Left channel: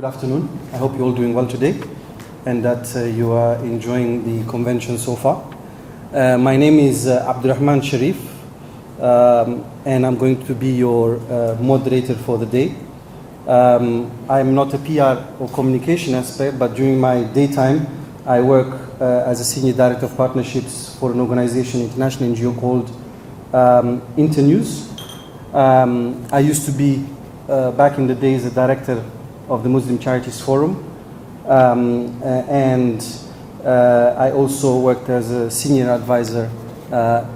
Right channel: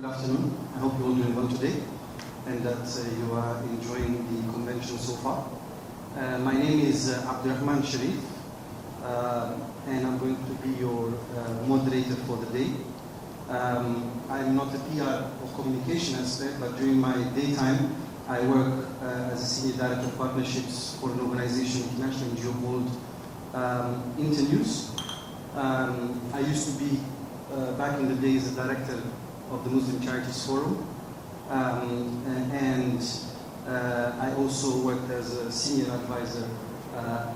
Good afternoon. I hope you're all doing well today and that you are enjoying the convention so far. My name is Abdurrahman Sharif and I'm going to be your moderator for the day. I'm not a PR or communication expert, but during my daytime I work as a Senior Director of Partnerships for an organization, international NGO called Internews. I used to be, back in the days, a director of the MuslimCharitiesForum, and I also worked as a senior advisor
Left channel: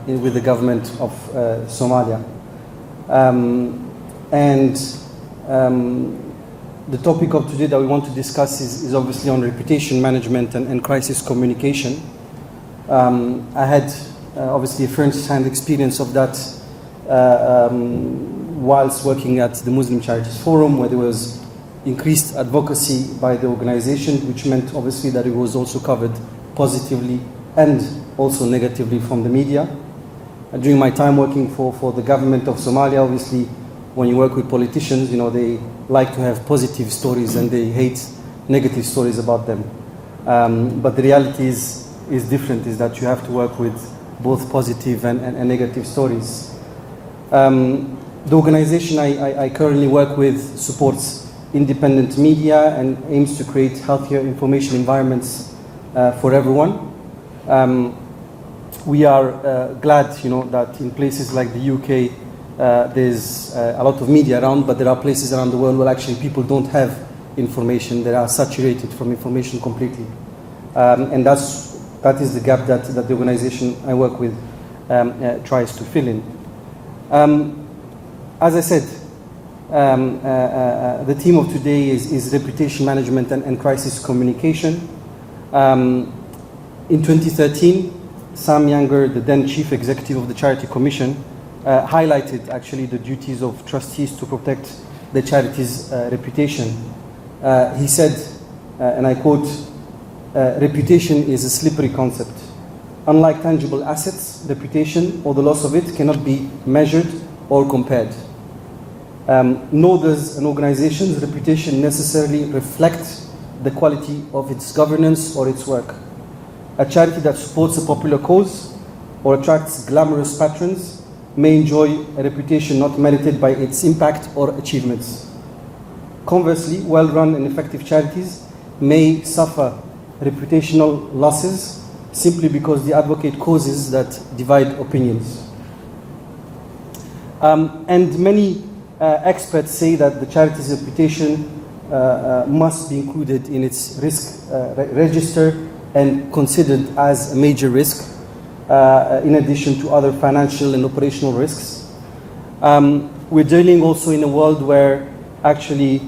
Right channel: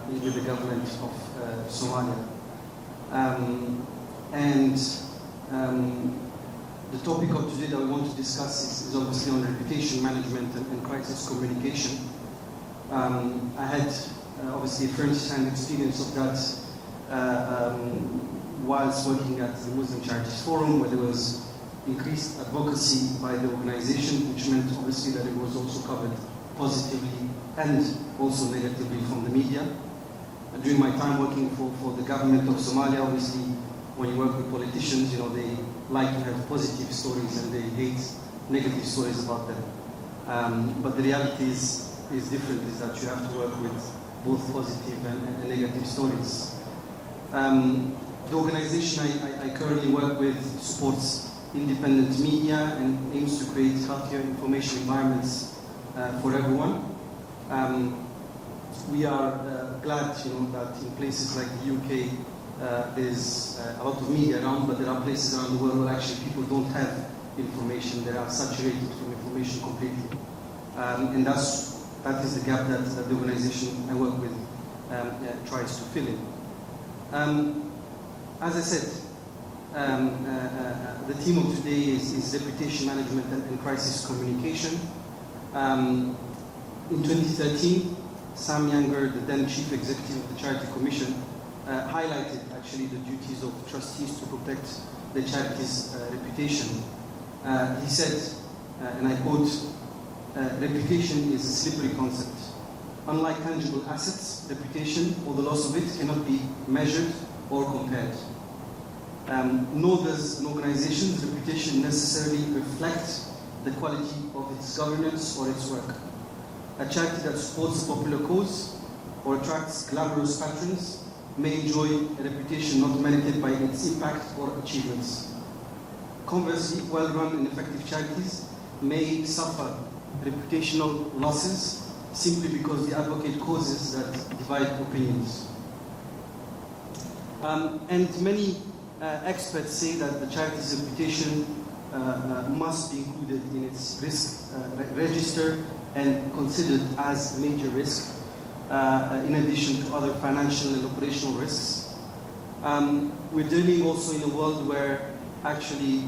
with the government of Somalia. The topic of today that we want to discuss is obviously on reputation management and crisis communication. I had obviously a first-hand experience of that whilst working at the Muslim Charities Forum, where there was increased advocacy by the organization, which meant obviously that it was also covered positively and also negatively from the media. And during my time working for the government of Somalia, obviously when you work with politicians, you know, they like to have positive stories and they hate negative stories about them. But the reality is different, is that you have to work with both positive and negative stories. The organization I currently work with supports independent media and aims to create healthier information environments for everyone. We are glad, you know, that in places like the UK there's a lot of media around, but there are places around the world where actually people don't have information. They are saturated from information completely, and that is the gap that the organization I work with tries to fill in. As I said, the theme of today is reputation management and crisis communication. In 2013, Sam Younger, the then chief executive of the Charity Commission, highlighted actually the duties of trustees to protect the charity's reputation. He said, and I quote, reputation is a slippery concept. Unlike tangible assets, reputation or the loss of it cannot be measured or compared. Nor does an organization's reputation necessarily reflect the quality of its governance or its work. A charity that supports a popular cause or attracts glamorous patrons may enjoy a reputation not merited by its impact or achievements. Conversely, well-run and effective charities may suffer reputational losses simply because they advocate causes that divide opinions. And many experts say that the charity's reputation must be included in its risk register and considered as a major risk, in addition to other financial and operational risks. We're dealing also in a world where actually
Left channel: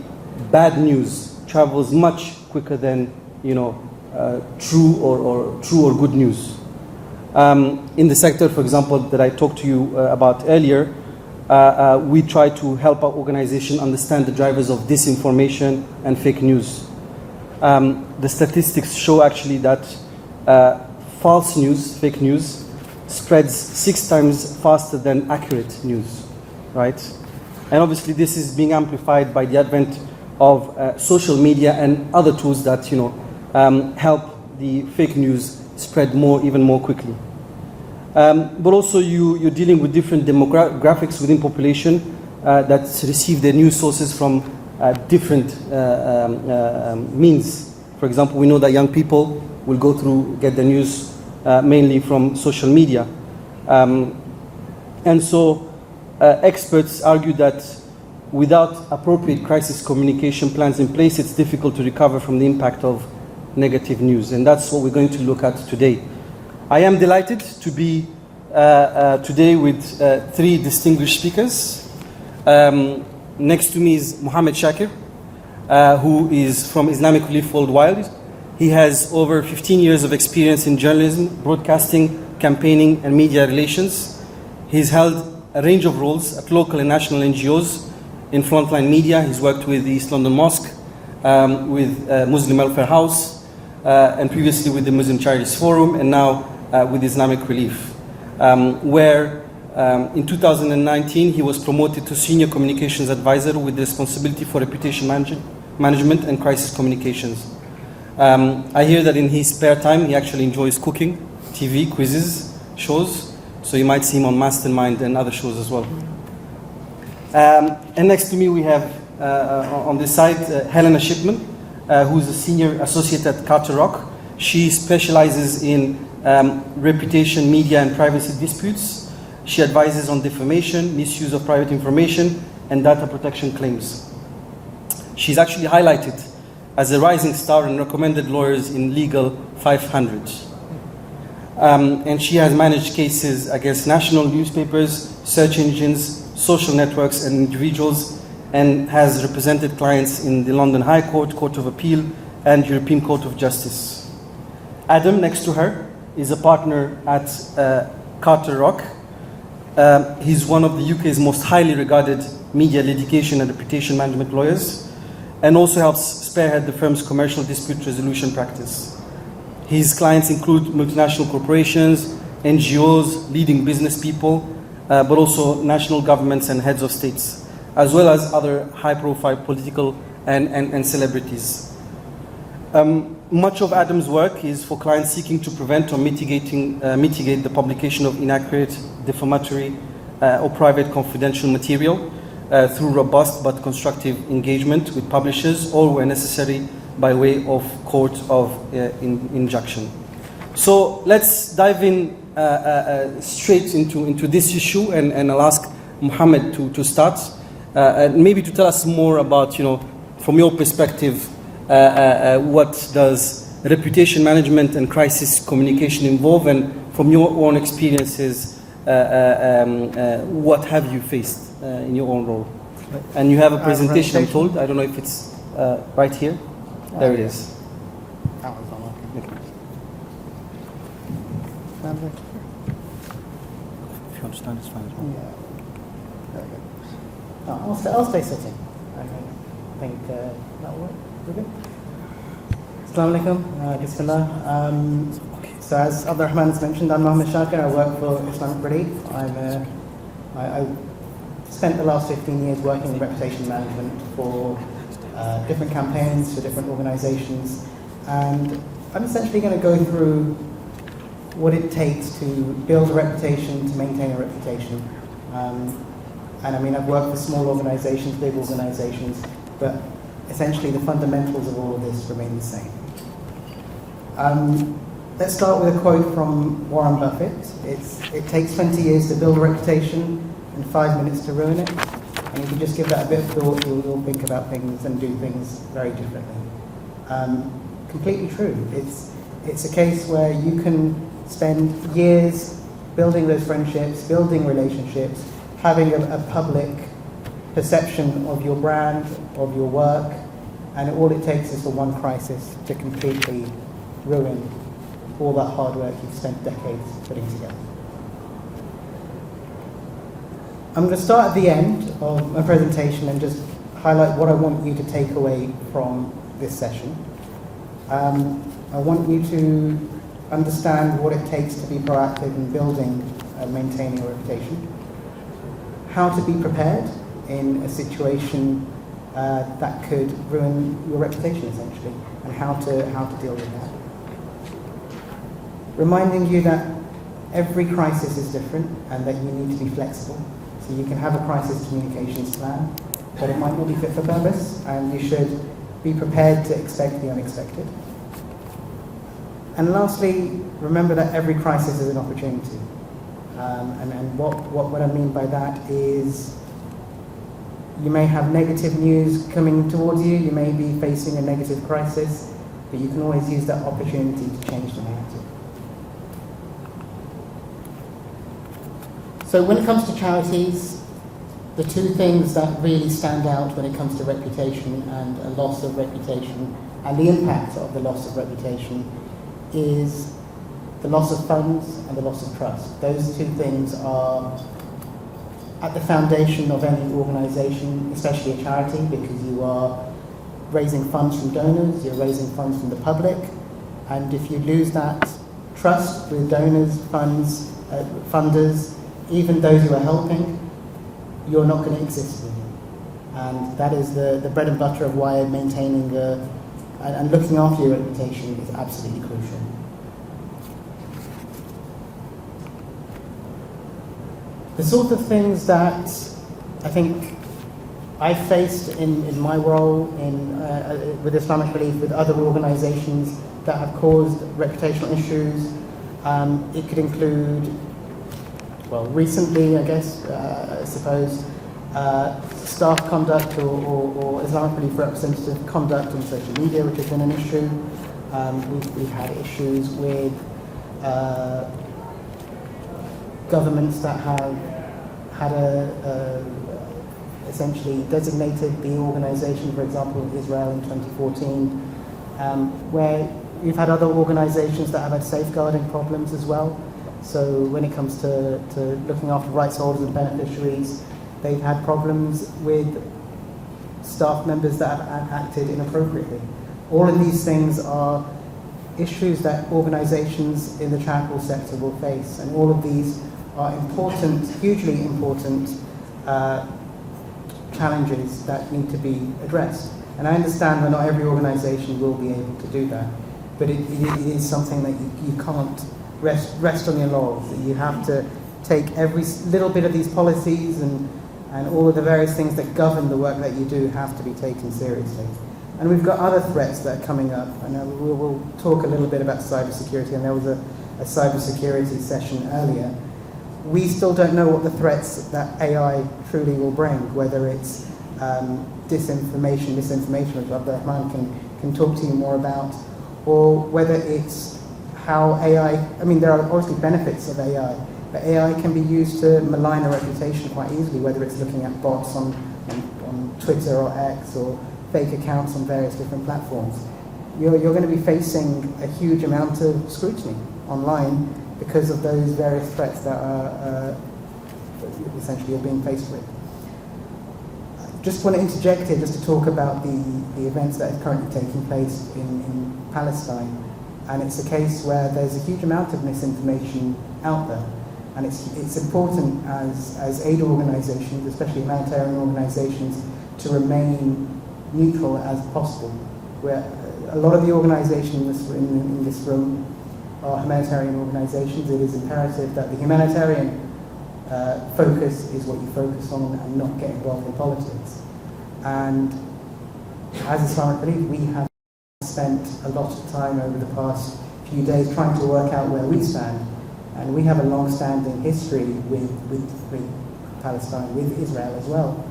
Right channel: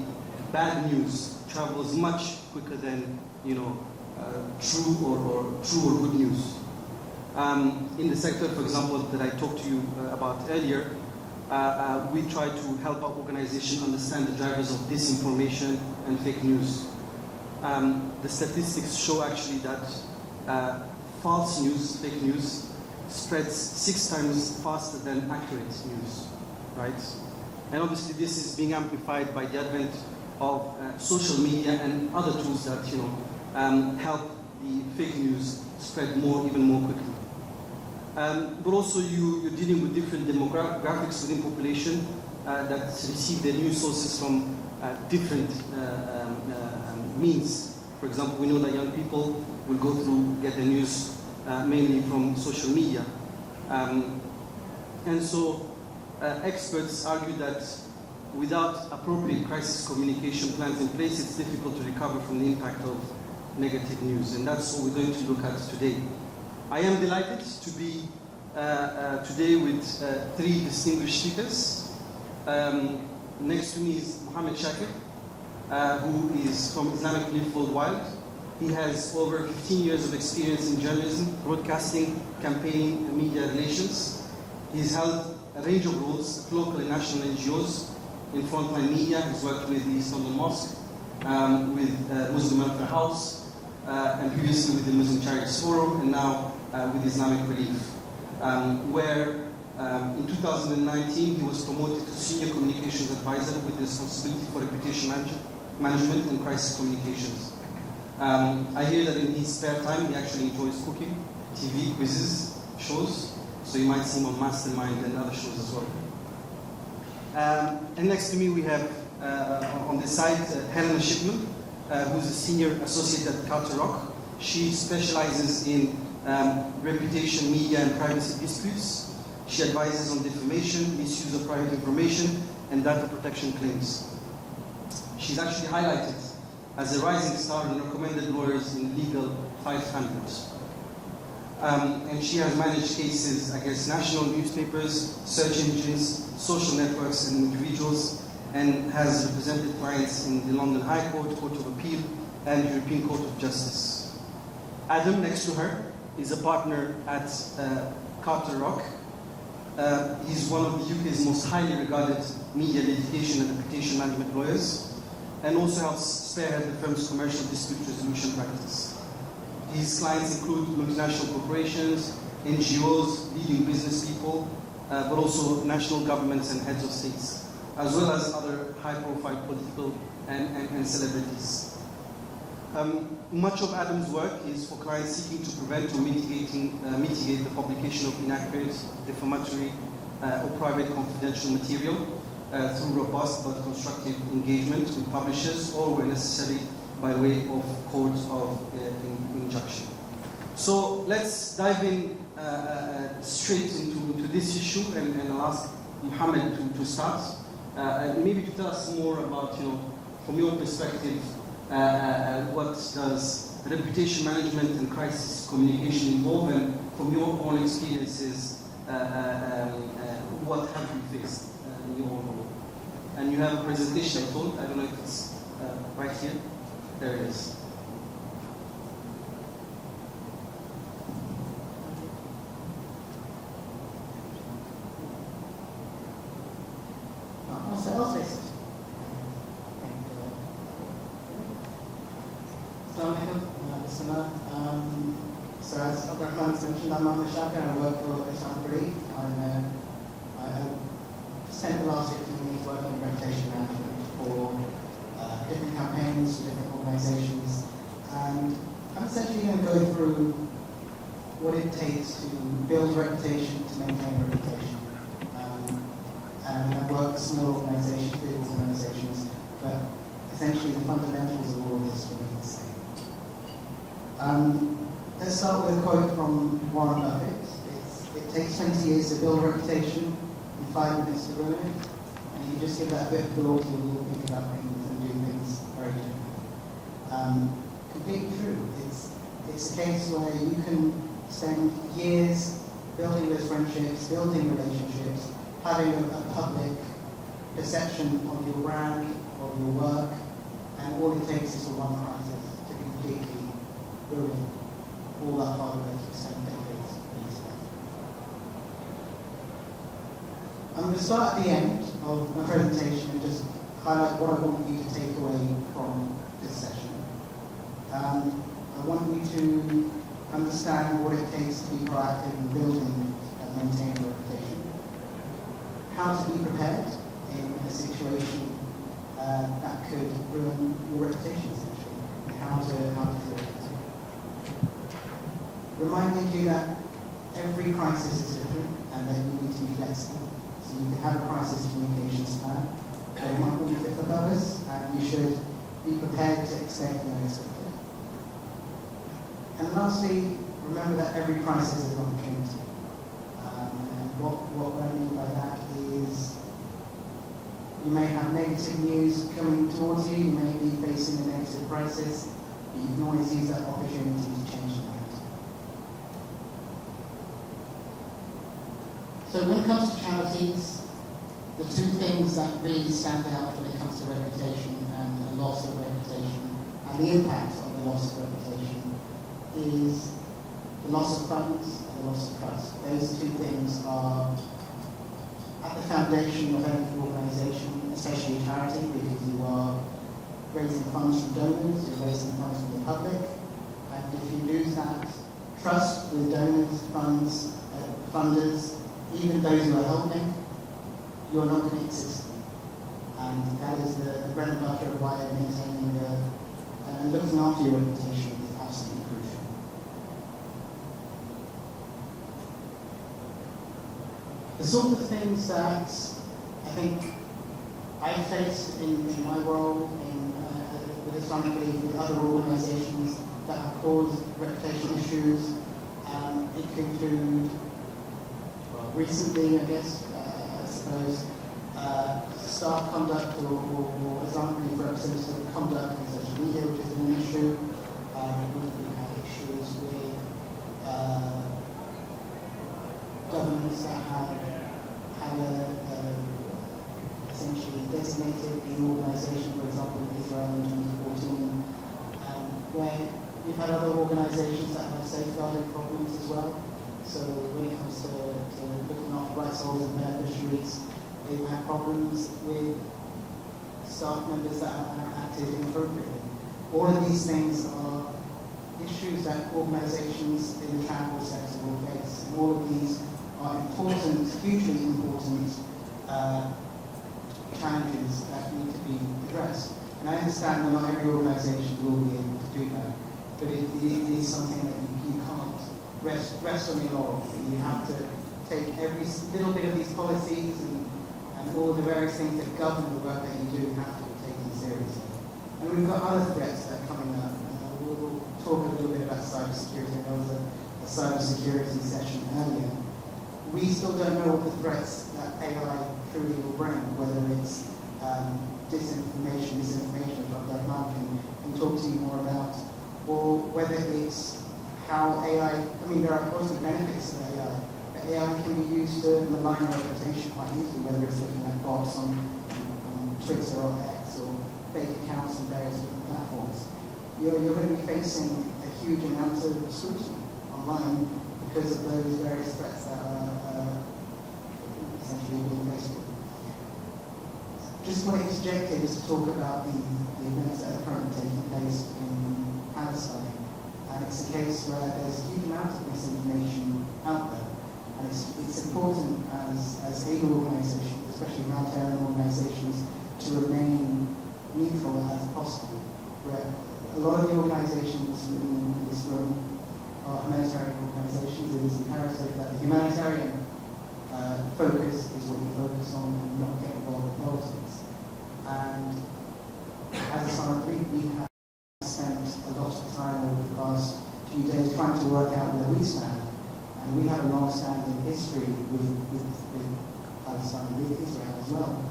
bad news travels much quicker than, you know, true or good news. In the sector, for example, that I talked to you about earlier, we try to help our organization understand the drivers of disinformation and fake news. The statistics show actually that false news, fake news, spreads 6 times faster than accurate news, right? And obviously this is being amplified by the advent of social media and other tools that, you know, help the fake news spread even more quickly. But also you're dealing with different demographics within population that receive their news sources from different means. For example, we know that young people will get the news mainly from social media. And so experts argue that without appropriate crisis communication plans in place, it's difficult to recover from the impact of negative news. And that's what we're going to look at today. I am delighted to be today with 3 distinguished speakers. Next to me is Mohammed Shakir, who is from Islamic Relief Worldwide. He has over 15 years of experience in journalism, broadcasting, campaigning, and media relations. He's held a range of roles at local and national NGOs in frontline media. He's worked with the East London Mosque, with Muslim Welfare House, and previously with the Muslim Charities Forum, and now with Islamic Relief, where in 2019 he was promoted to Senior Communications Advisor with the responsibility for reputation management and crisis communications. I hear that in his spare time, he actually enjoys cooking, TV, quizzes, shows, so you might see him on Mastermind and other shows as well. And next to me we have, on this side, Helena Shipman, who's a senior associate at Carter Rock. She specializes in reputation, media, and privacy disputes. She advises on defamation, misuse of private information, and data protection claims. She's actually highlighted as a rising star and recommended lawyers in Legal 500. And she has managed cases against national newspapers, search engines, social networks, and individuals, and has represented clients in the London High Court, Court of Appeal, and European Court of Justice. Adam, next to her, is a partner at Carter Rock. He's one of the UK's most highly regarded media litigation and reputation management lawyers, and also helps spearhead the firm's commercial dispute resolution practice. His clients include multinational corporations, NGOs, leading business people, but also national governments and heads of states, as well as other high-profile political and celebrities. Much of Adam's work is for clients seeking to prevent or mitigate the publication of inaccurate, defamatory, or private confidential material through robust but constructive engagement with publishers, or where necessary by way of court of injunction. So let's dive in straight into this issue, and I'll ask Mohammed to start, and maybe to tell us more about, from your perspective, what does reputation management and crisis communication involve, and from your own experiences, what have you faced in your own role? And you have a presentation, I'm told. I don't know if it's right here. There it is. If you understand, it's fine. I'll stay sitting. I think that'll work. Assalamu alaikum, Bismillah. So as Abdurrahman has mentioned, I'm Mohammed Shakir. I work for Islamic Relief. I spent the last 15 years working in reputation management for different campaigns, for different organizations. And I'm essentially going to go through what it takes to build a reputation, to maintain a reputation. And I mean, I've worked for small organizations, big organizations, but essentially the fundamentals of all of this remain the same. Let's start with a quote from Warren Buffett. It takes 20 years to build a reputation and 5 minutes to ruin it. And if you just give that a bit of thought, you'll think about things and do things very differently. Completely true. It's a case where you can spend years building those friendships, building relationships, having a public perception of your brand, of your work, and all it takes is for one crisis to completely ruin all that hard work you've spent decades putting together. I'm going to start at the end of my presentation and just highlight what I want you to take away from this session. I want you to understand what it takes to be proactive in building and maintaining a reputation, how to be prepared in a situation that could ruin your reputation, essentially, and how to deal with that. Reminding you that every crisis is different and that you need to be flexible. So you can have a crisis communications plan, but it might not be fit for purpose, and you should be prepared to expect the unexpected. And lastly, remember that every crisis is an opportunity. And what I mean by that is you may have negative news coming towards you, you may be facing a negative crisis, but you can always use that opportunity to change the narrative. So when it comes to charities, the two things that really stand out when it comes to reputation and a loss of reputation and the impact of the loss of reputation is the loss of funds and the loss of trust. Those two things are at the foundation of any organisation, especially a charity, because you are raising funds from donors, you're raising funds from the public, and if you lose that trust with donors, funds, funders, even those you are helping, you're not going to exist anymore. And that is the bread and butter of why maintaining and looking after your reputation is absolutely crucial. The sort of things that I think I faced in my role with Islamic Belief, with other organisations that have caused reputational issues, it could include, well, recently, I guess, I suppose, staff conduct or Islamic Belief representative conduct in social media, which has been an issue. We've had issues with governments that have had essentially designated the organisation, for example, in Israel in 2014, where we've had other organisations that have had safeguarding problems as well. So when it comes to looking after rights holders and beneficiaries, they've had problems with staff members that have acted inappropriately. All of these things are issues that organisations in the charitable sector will face, and all of these are important, hugely important challenges that need to be addressed. And I understand that not every organisation will be able to do that, but it is something that you can't rest on your laurels. You have to take every little bit of these policies and all of the various things that govern the work that you do have to be taken seriously. And we've got other threats that are coming up, and we'll talk a little bit about cybersecurity, and there was a cybersecurity session earlier. We still don't know what the threats that AI truly will bring, whether it's disinformation, misinformation, which Abdurrahman can talk to you more about, or whether it's how AI, I mean, there are obviously benefits of AI, but AI can be used to malign a reputation quite easily, whether it's looking at bots on Twitter or X or fake accounts on various different platforms. You're going to be facing a huge amount of scrutiny online because of those various threats that are essentially you're being faced with. Just want to interject here just to talk about the events that are currently taking place in Palestine. And it's a case where there's a huge amount of misinformation out there. And it's important as aid organisations, especially humanitarian organisations, to remain neutral as possible. Where a lot of the organisations in this room are humanitarian organisations. It is imperative that the humanitarian focus is what you focus on and not get involved in politics. And as Islamic Belief, we have spent a lot of time over the past few days trying to work out where we stand. And we have a long-standing history with Palestine, with Israel as well.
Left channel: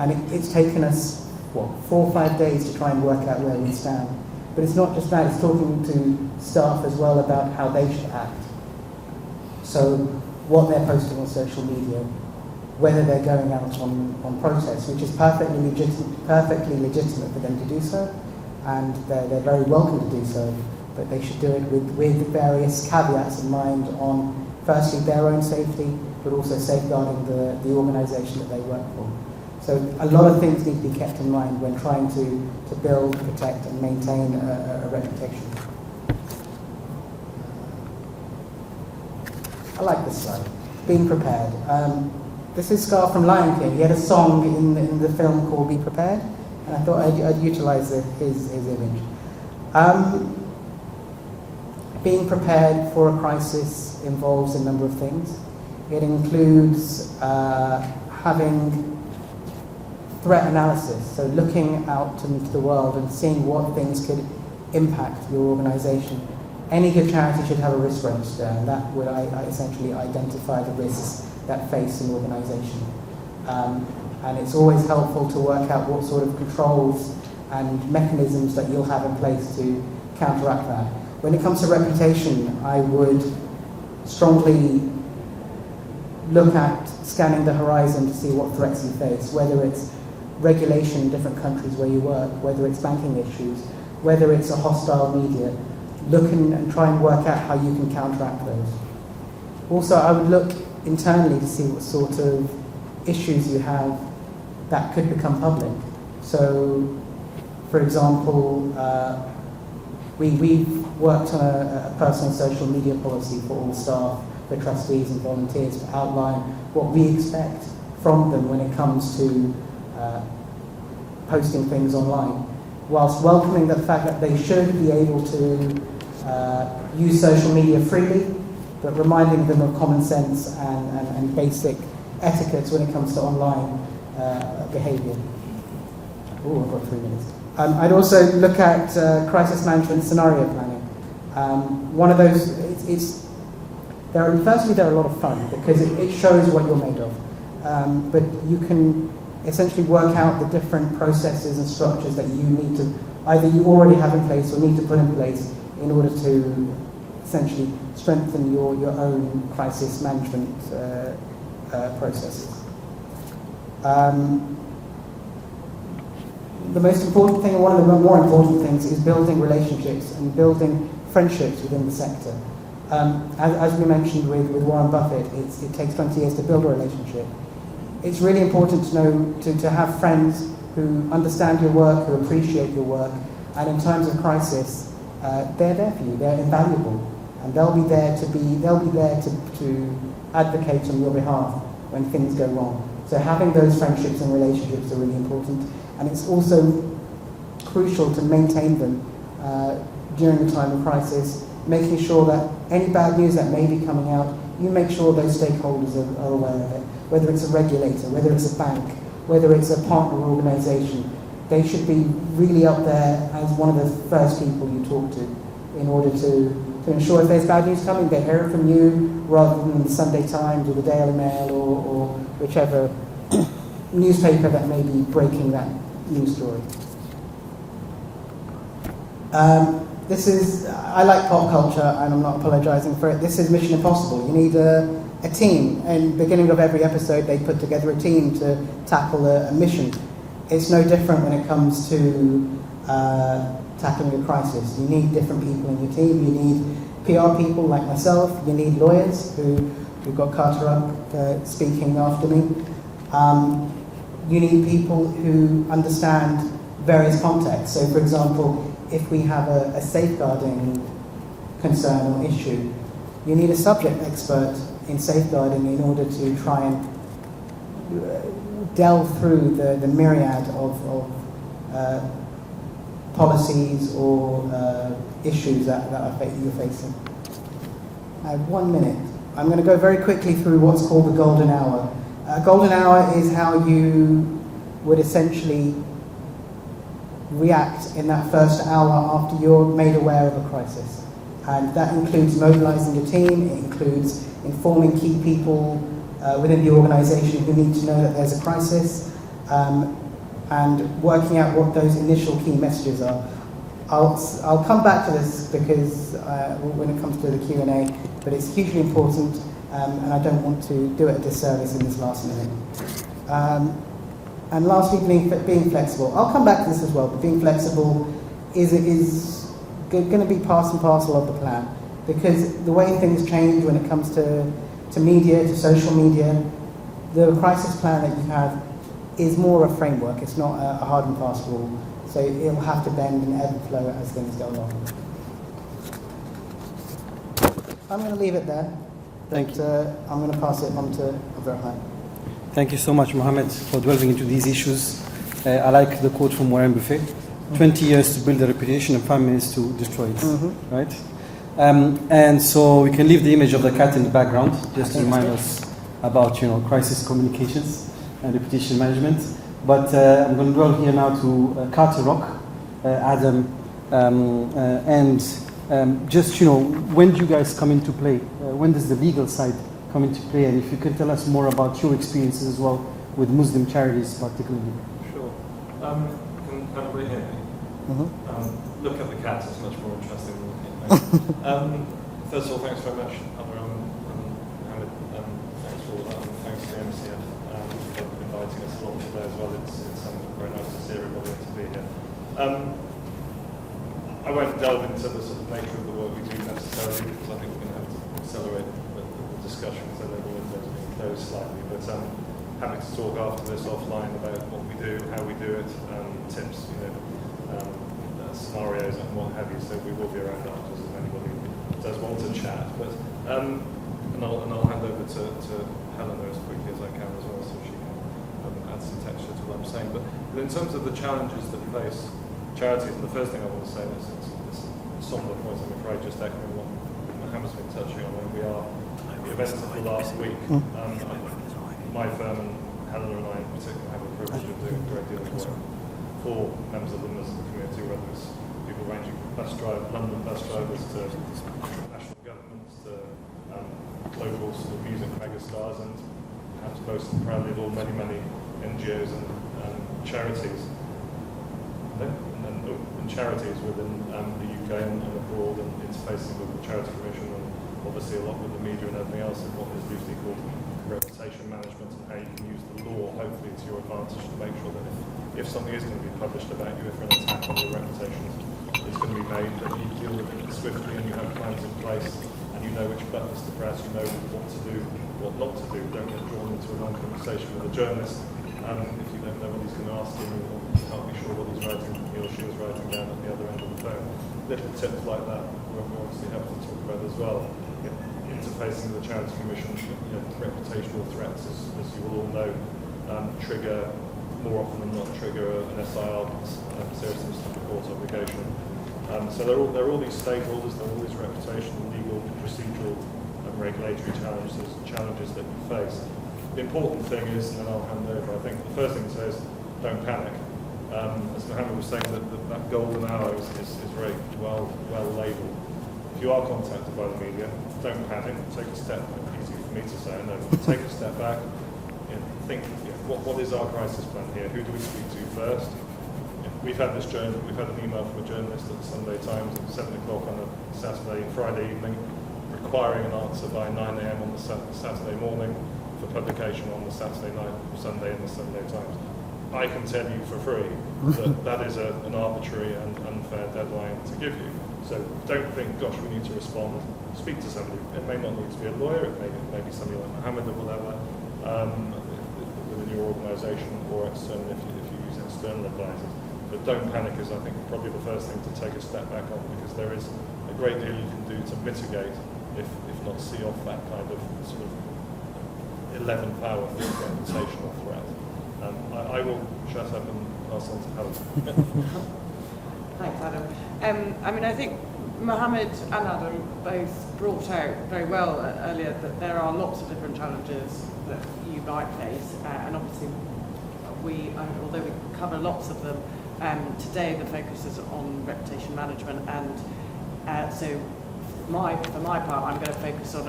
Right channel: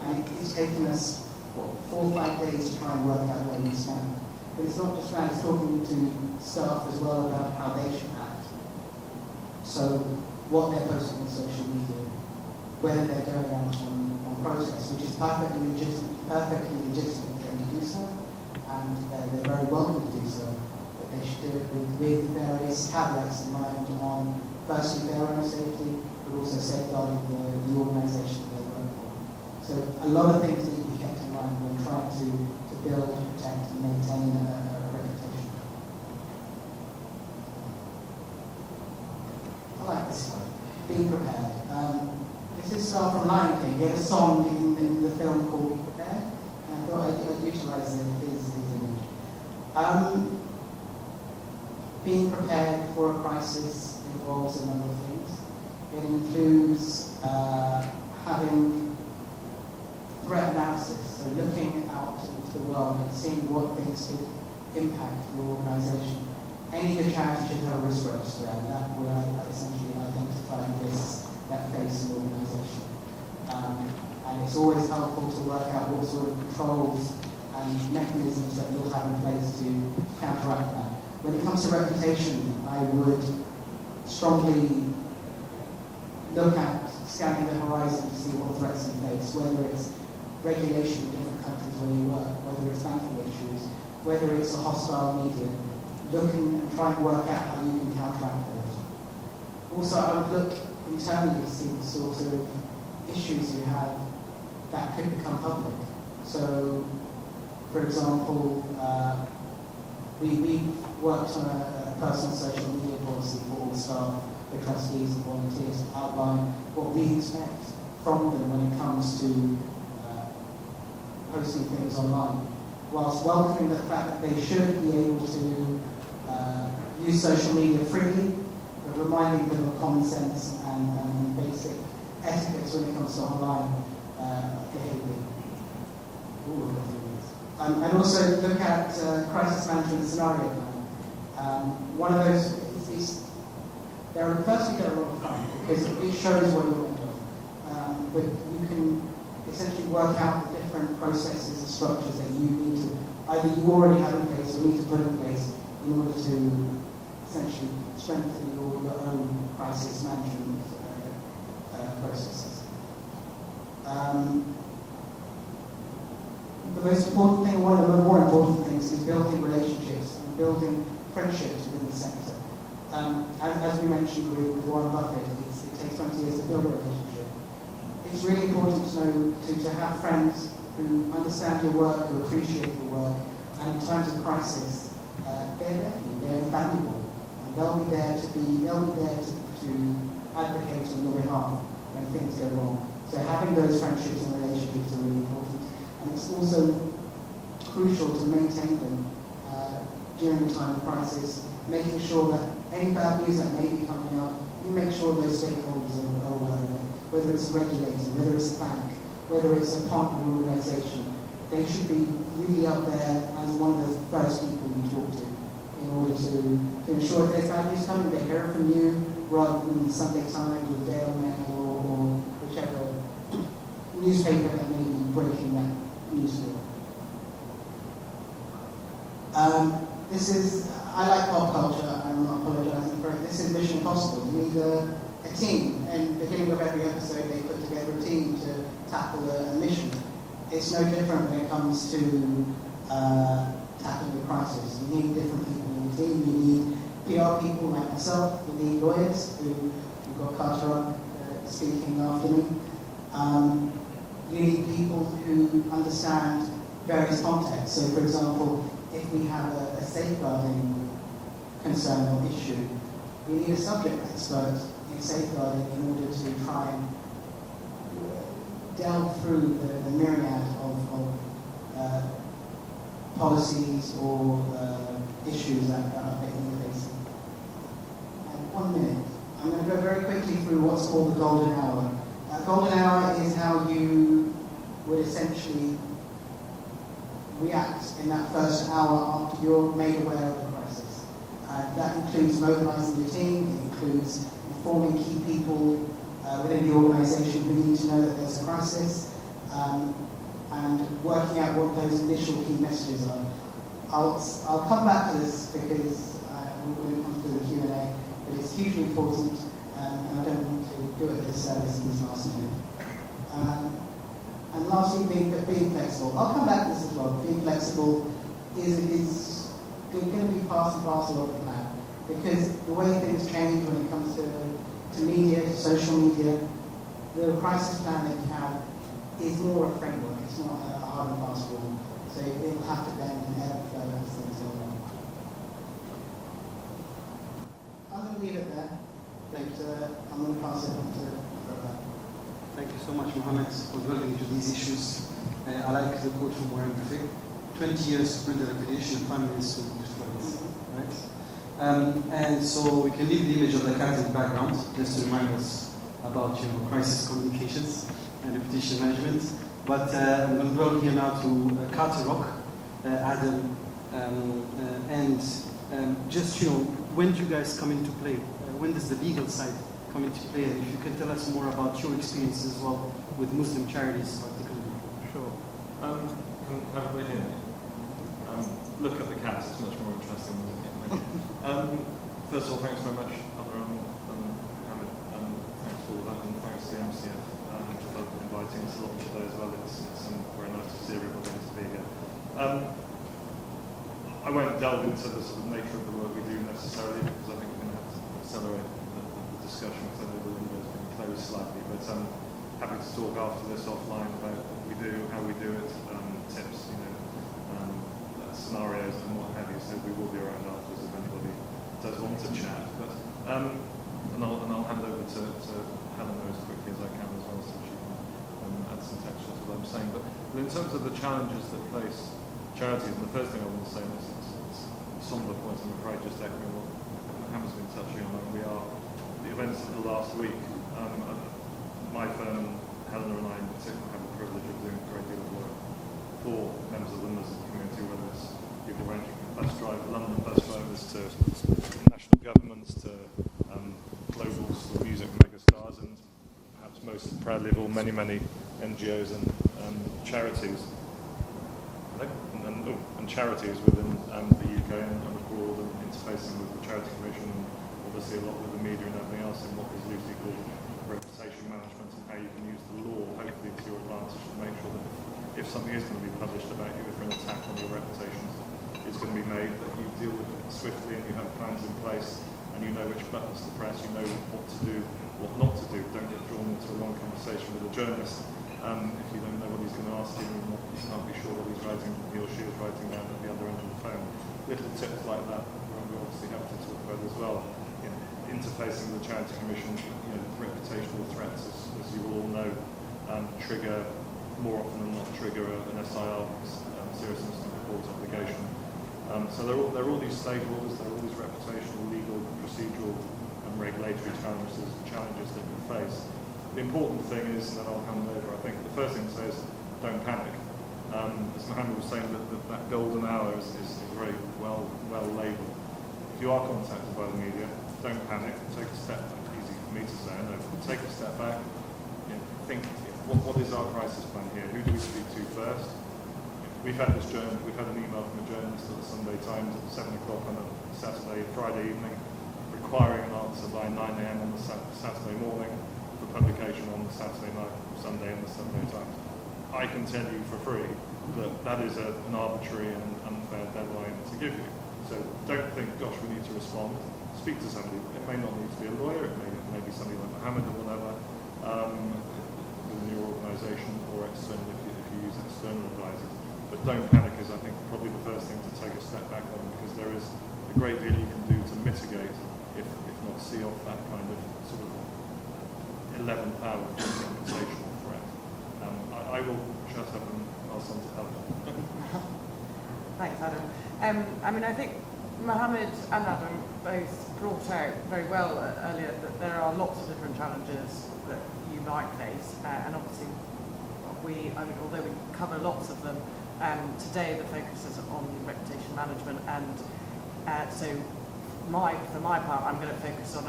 And it's taken us, 4 or 5 days to try and work out where we stand. But it's not just that, it's talking to staff as well about how they should act. So what they're posting on social media, whether they're going out on protests, which is perfectly legitimate for them to do so, and they're very welcome to do so, but they should do it with various caveats in mind on, firstly, their own safety, but also safeguarding the organisation that they work for. So a lot of things need to be kept in mind when trying to build, protect and maintain a reputation. I like this slide, being prepared. This is Scar from Lion King. He had a song in the film called Be Prepared, and I thought I'd utilise his image. Being prepared for a crisis involves a number of things. It includes having threat analysis, so looking out into the world and seeing what things could impact your organisation. Any good charity should have a risk register, and that would essentially identify the risks that face an organisation. And it's always helpful to work out what sort of controls and mechanisms that you'll have in place to counteract that. When it comes to reputation, I would strongly look at scanning the horizon to see what threats you face, whether it's regulation in different countries where you work, whether it's banking issues, whether it's a hostile media. Look and try and work out how you can counteract those. Also, I would look internally to see what sort of issues you have that could become public. So, for example, we've worked on a personal social media policy for all staff, for trustees and volunteers to outline what we expect from them when it comes to posting things online, whilst welcoming the fact that they should be able to use social media freely, but reminding them of common sense and basic etiquettes when it comes to online behaviour. Oh, I've got 3 minutes. I'd also look at crisis management scenario planning. One of those, firstly they're a lot of fun because it shows what you're made of. But you can essentially work out the different processes and structures that you need to, either you already have in place or need to put in place in order to essentially strengthen your own crisis management processes. The most important thing, one of the more important things, is building relationships and building friendships within the sector. As we mentioned with Warren Buffett, it takes 20 years to build a relationship. It's really important to know to have friends who understand your work, who appreciate your work, and in times of crisis, they're there for you. They're invaluable, and they'll be there to advocate on your behalf when things go wrong. So having those friendships and relationships are really important, and it's also crucial to maintain them during a time of crisis, making sure that any bad news that may be coming out, you make sure those stakeholders are aware of it. Whether it's a regulator, whether it's a bank, whether it's a partner organisation, they should be really up there as one of the first people you talk to in order to ensure if there's bad news coming, they hear it from you rather than the Sunday Times or the Daily Mail or whichever newspaper that may be breaking that news story. I like pop culture and I'm not apologising for it. This is Mission Impossible. You need a team. And at the beginning of every episode, they put together a team to tackle a mission. It's no different when it comes to tackling a crisis. You need different people in your team. You need PR people like myself. You need lawyers who've got Carter up speaking after me. You need people who understand various contexts. So, for example, if we have a safeguarding concern or issue, you need a subject expert in safeguarding in order to try and delve through the myriad of policies or issues that you're facing. I have 1 minute. I'm going to go very quickly through what's called the golden hour. Golden hour is how you would essentially react in that first hour after you're made aware of a crisis. And that includes mobilising the team, it includes informing key people within the organisation who need to know that there's a crisis, and working out what those initial key messages are. I'll come back to this because when it comes to the Q&A, but it's hugely important, and I don't want to do it a disservice in this last minute. And lastly, being flexible. I'll come back to this as well, but being flexible is going to be part and parcel of the plan, because the way things change when it comes to media, to social media, the crisis plan that you have is more a framework. It's not a hard and fast rule. So it'll have to bend and ebb and flow as things go on. I'm going to leave it there. Thank you. I'm going to pass it on to Abdurrahman. Thank you so much, Mohammed, for delving into these issues. I like the quote from Warren Buffett: 20 years to build a reputation and 5 minutes to destroy it. Right? And so we can leave the image of the cat in the background, just to remind us about crisis communications and reputation management. But I'm going to dwell here now to Carter Rock, Adam, and just when do you guys come into play? When does the legal side come into play? And if you could tell us more about your experiences as well with Muslim charities, particularly. Sure. Can everybody hear me? Look at the cat; it's much more interesting than me. First of all, thanks very much, Abdurrahman and Mohammed. Thanks for all that, and thanks to MCF for inviting us along today as well. It's very nice to see everybody to be here. I won't delve into the sort of nature of the work we do necessarily, because I think we're going to have to accelerate the discussion, because I know the window's been closed slightly. But happy to talk after this offline about what we do, how we do it, tips, scenarios and what have you. So we will be around afterwards if anybody does want to chat. But and I'll hand over to Helena as quickly as I can as well, so she can contextual to what I'm saying. But in terms of the challenges that face charities, the first thing I want to say is it's somber point, I'm afraid, just echoing what Mohammed's been touching on. We are the events of the last week. My firm and Helena and I in particular have the privilege of doing a great deal of work for members of the Muslim community, whether it's people ranging from London bus drivers to national governments to local sort of music megastars, and perhaps most proudly of all, many NGOs and charities. And charities within the UK and abroad, and interfacing with the Charity Commission, and obviously a lot with the media and everything else, of what is usually called reputation management, and how you can use the law, hopefully to your advantage, to make sure that if something is going to be published about you, if an attack on your reputation is going to be made, that you deal with it swiftly and you have plans in place, and you know which buttons to press, you know what to do, what not to do. Don't get drawn into a long conversation with a journalist if you don't know what he's going to ask you, and you can't be sure what he or she is writing down at the other end of the phone. Little tips like that we're obviously happy to talk about as well. Interfacing with the Charity Commission, reputational threats, as you will all know, trigger, more often than not, trigger an SIR, serious incident report obligation. So there are all these stakeholders, there are all these reputational, legal, procedural, and regulatory challenges that we face. The important thing is, and then I'll hand over, I think the first thing to say is don't panic. As Mohammed was saying, that golden hour is very well labelled. If you are contacted by the media, don't panic. Take a step back. Easy for me to say, I know, but take a step back and think, what is our crisis plan here? Who do we speak to first? We've had an email from a journalist at the Sunday Times at 7 o'clock on a Friday evening, requiring an answer by 9 a.m. on the Saturday morning for publication on the Saturday night, Sunday in the Sunday Times. I can tell you for free that is an arbitrary and unfair deadline to give you. So don't think, gosh, we need to respond. Speak to somebody. It may not need to be a lawyer, it may be somebody like Mohammed or whatever, within your organisation, or external if you use external advisors. But don't panic is, I think, probably the first thing to take a step back on, because there is a great deal you can do to mitigate, if not see off that kind of sort of 11th hour reputational threat. I will shut up and pass on to Helen. Thanks, Adam. I think Mohammed and Adam both brought out very well earlier that there are lots of different challenges that you might face, and obviously although we cover lots of them, today the focus is on reputation management, and so for my part, I'm going to focus on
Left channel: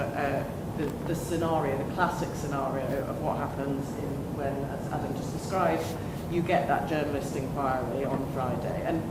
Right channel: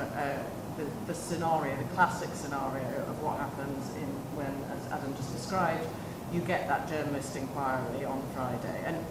the scenario, the classic scenario of what happens when, as Adam just described, you get that journalist inquiry on Friday. And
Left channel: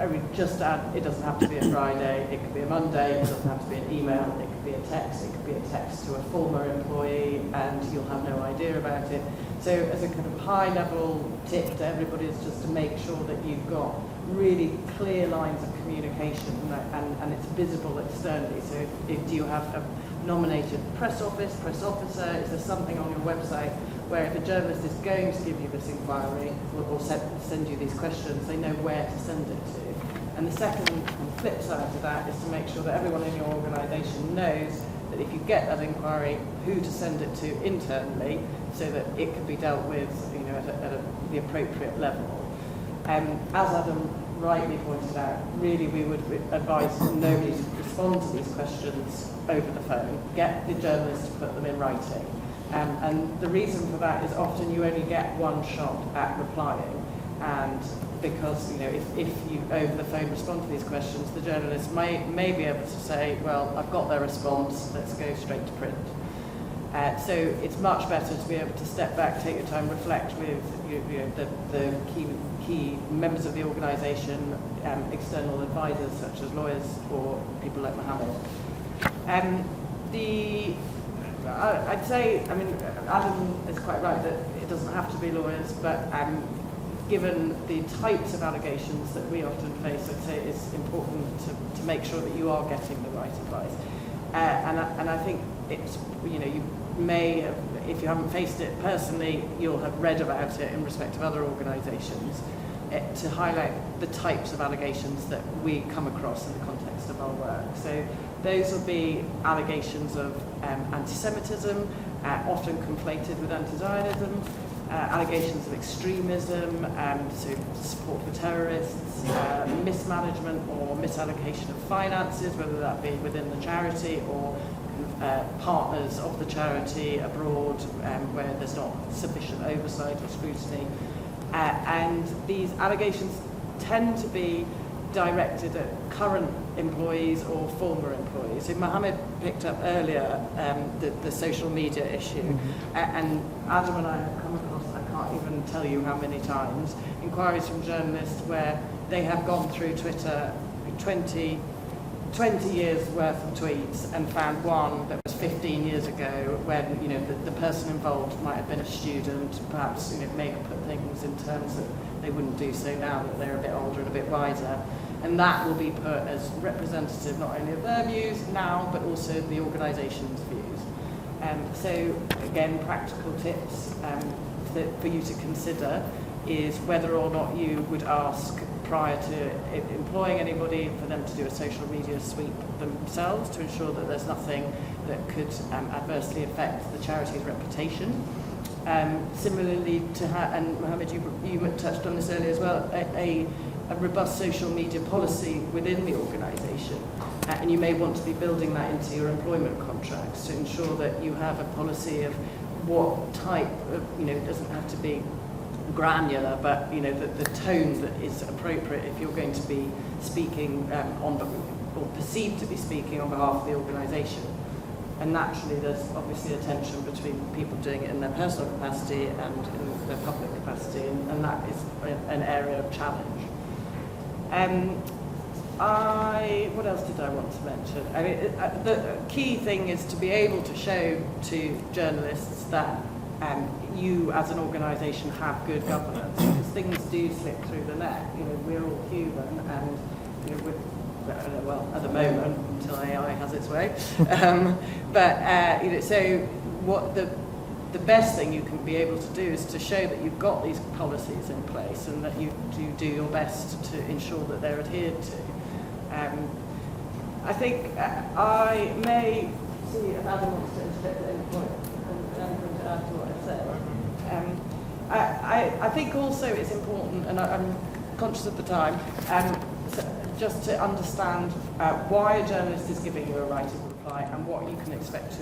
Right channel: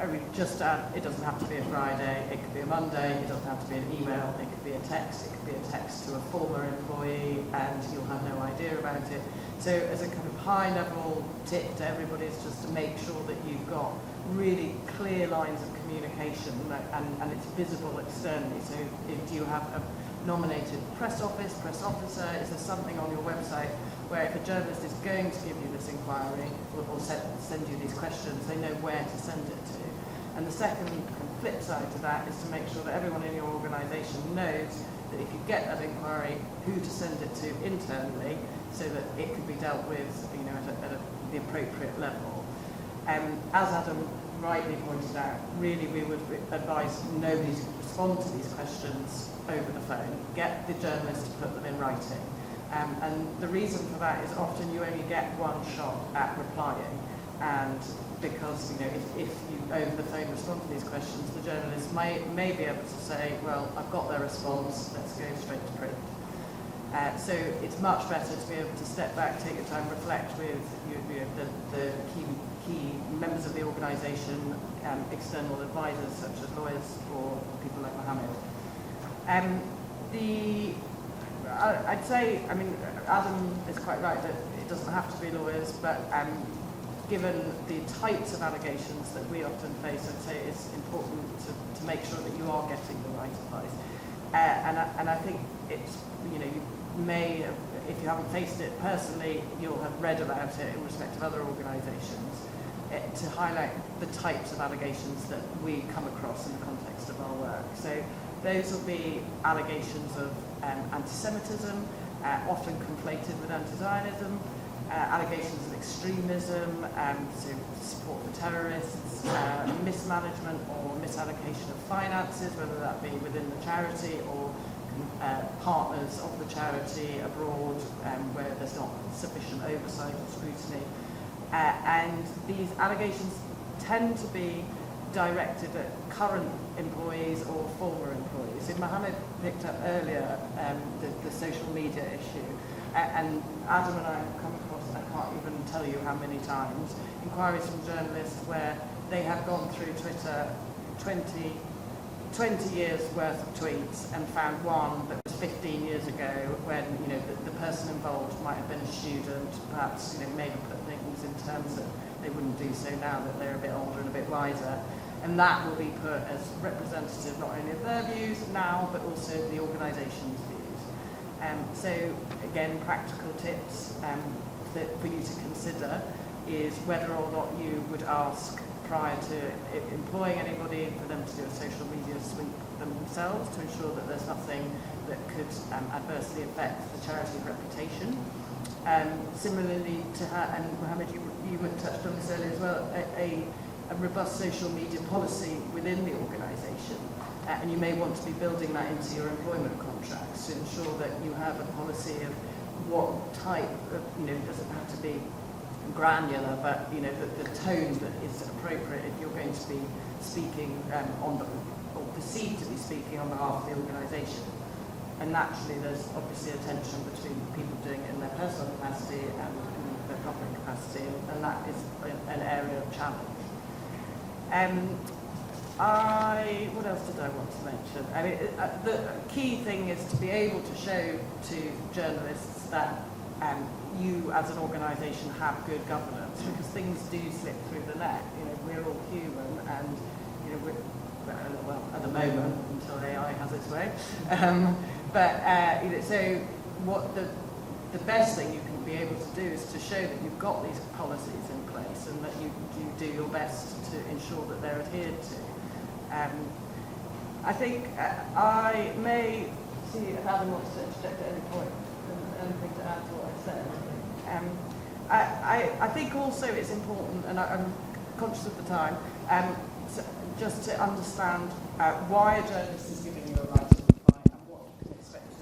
I would just add, it doesn't have to be a Friday, it could be a Monday, it doesn't have to be an email, it could be a text, it could be a text to a former employee, and you'll have no idea about it. So as a kind of high-level tip to everybody is just to make sure that you've got really clear lines of communication and it's visible externally. So if you have a nominated press officer, is there something on your website where if a journalist is going to give you this inquiry or send you these questions, they know where to send it to. And the second flip side to that is to make sure that everyone in your organisation knows that if you get that inquiry, who to send it to internally, so that it can be dealt with at the appropriate level. As Adam rightly pointed out, really we would advise nobody to respond to these questions over the phone. Get the journalist to put them in writing. And the reason for that is often you only get one shot at replying, and because if you over the phone respond to these questions, the journalist may be able to say, well, I've got their response, let's go straight to print. So it's much better to be able to step back, take your time, reflect with the key members of the organisation, external advisors such as lawyers or people like Mohammed. I'd say, Adam is quite right that it doesn't have to be lawyers, but given the types of allegations that we often face, I'd say it's important to make sure that you are getting the right advice. And I think it's, you may, if you haven't faced it personally, you'll have read about it in respect of other organisations, to highlight the types of allegations that we come across in the context of our work. So those will be allegations of anti-Semitism, often conflated with anti-Zionism, allegations of extremism, so support for terrorists, mismanagement or misallocation of finances, whether that be within the charity or partners of the charity abroad, where there's not sufficient oversight or scrutiny. And these allegations tend to be directed at current employees or former employees. So Mohammed picked up earlier the social media issue, and Adam and I have come across, I can't even tell you how many times, inquiries from journalists where they have gone through Twitter 20 years worth of tweets and found one that was 15 years ago when, you know, the person involved might have been a student, perhaps, you know, maybe put things in terms that they wouldn't do so now that they're a bit older and a bit wiser. And that will be put as representative not only of their views now, but also the organisation's views. So again, practical tips for you to consider is whether or not you would ask prior to employing anybody for them to do a social media sweep themselves to ensure that there's nothing that could adversely affect the charity's reputation. Similarly to her, and Mohammed, you touched on this earlier as well, a robust social media policy within the organisation. And you may want to be building that into your employment contracts to ensure that you have a policy of what type of, you know, it doesn't have to be granular, but, you know, the tones that is appropriate if you're going to be speaking on, or perceived to be speaking on behalf of the organisation. And naturally, there's obviously a tension between people doing it in their personal capacity and in their public capacity, and that is an area of challenge. What else did I want to mention? I mean, the key thing is to be able to show to journalists that you, as an organisation, have good governance. Because things do slip through the net. You know, we're all human, and you know, well, at the moment, until AI has its way. You know, so what the best thing you can be able to do is to show that you've got these policies in place and that you do your best to ensure that they're adhered to. I think I may see if Adam wants to interject at any point, anything to add to what I said. I think also it's important, and I'm conscious of the time, just to understand why a journalist is giving you a right of reply and what you can expect to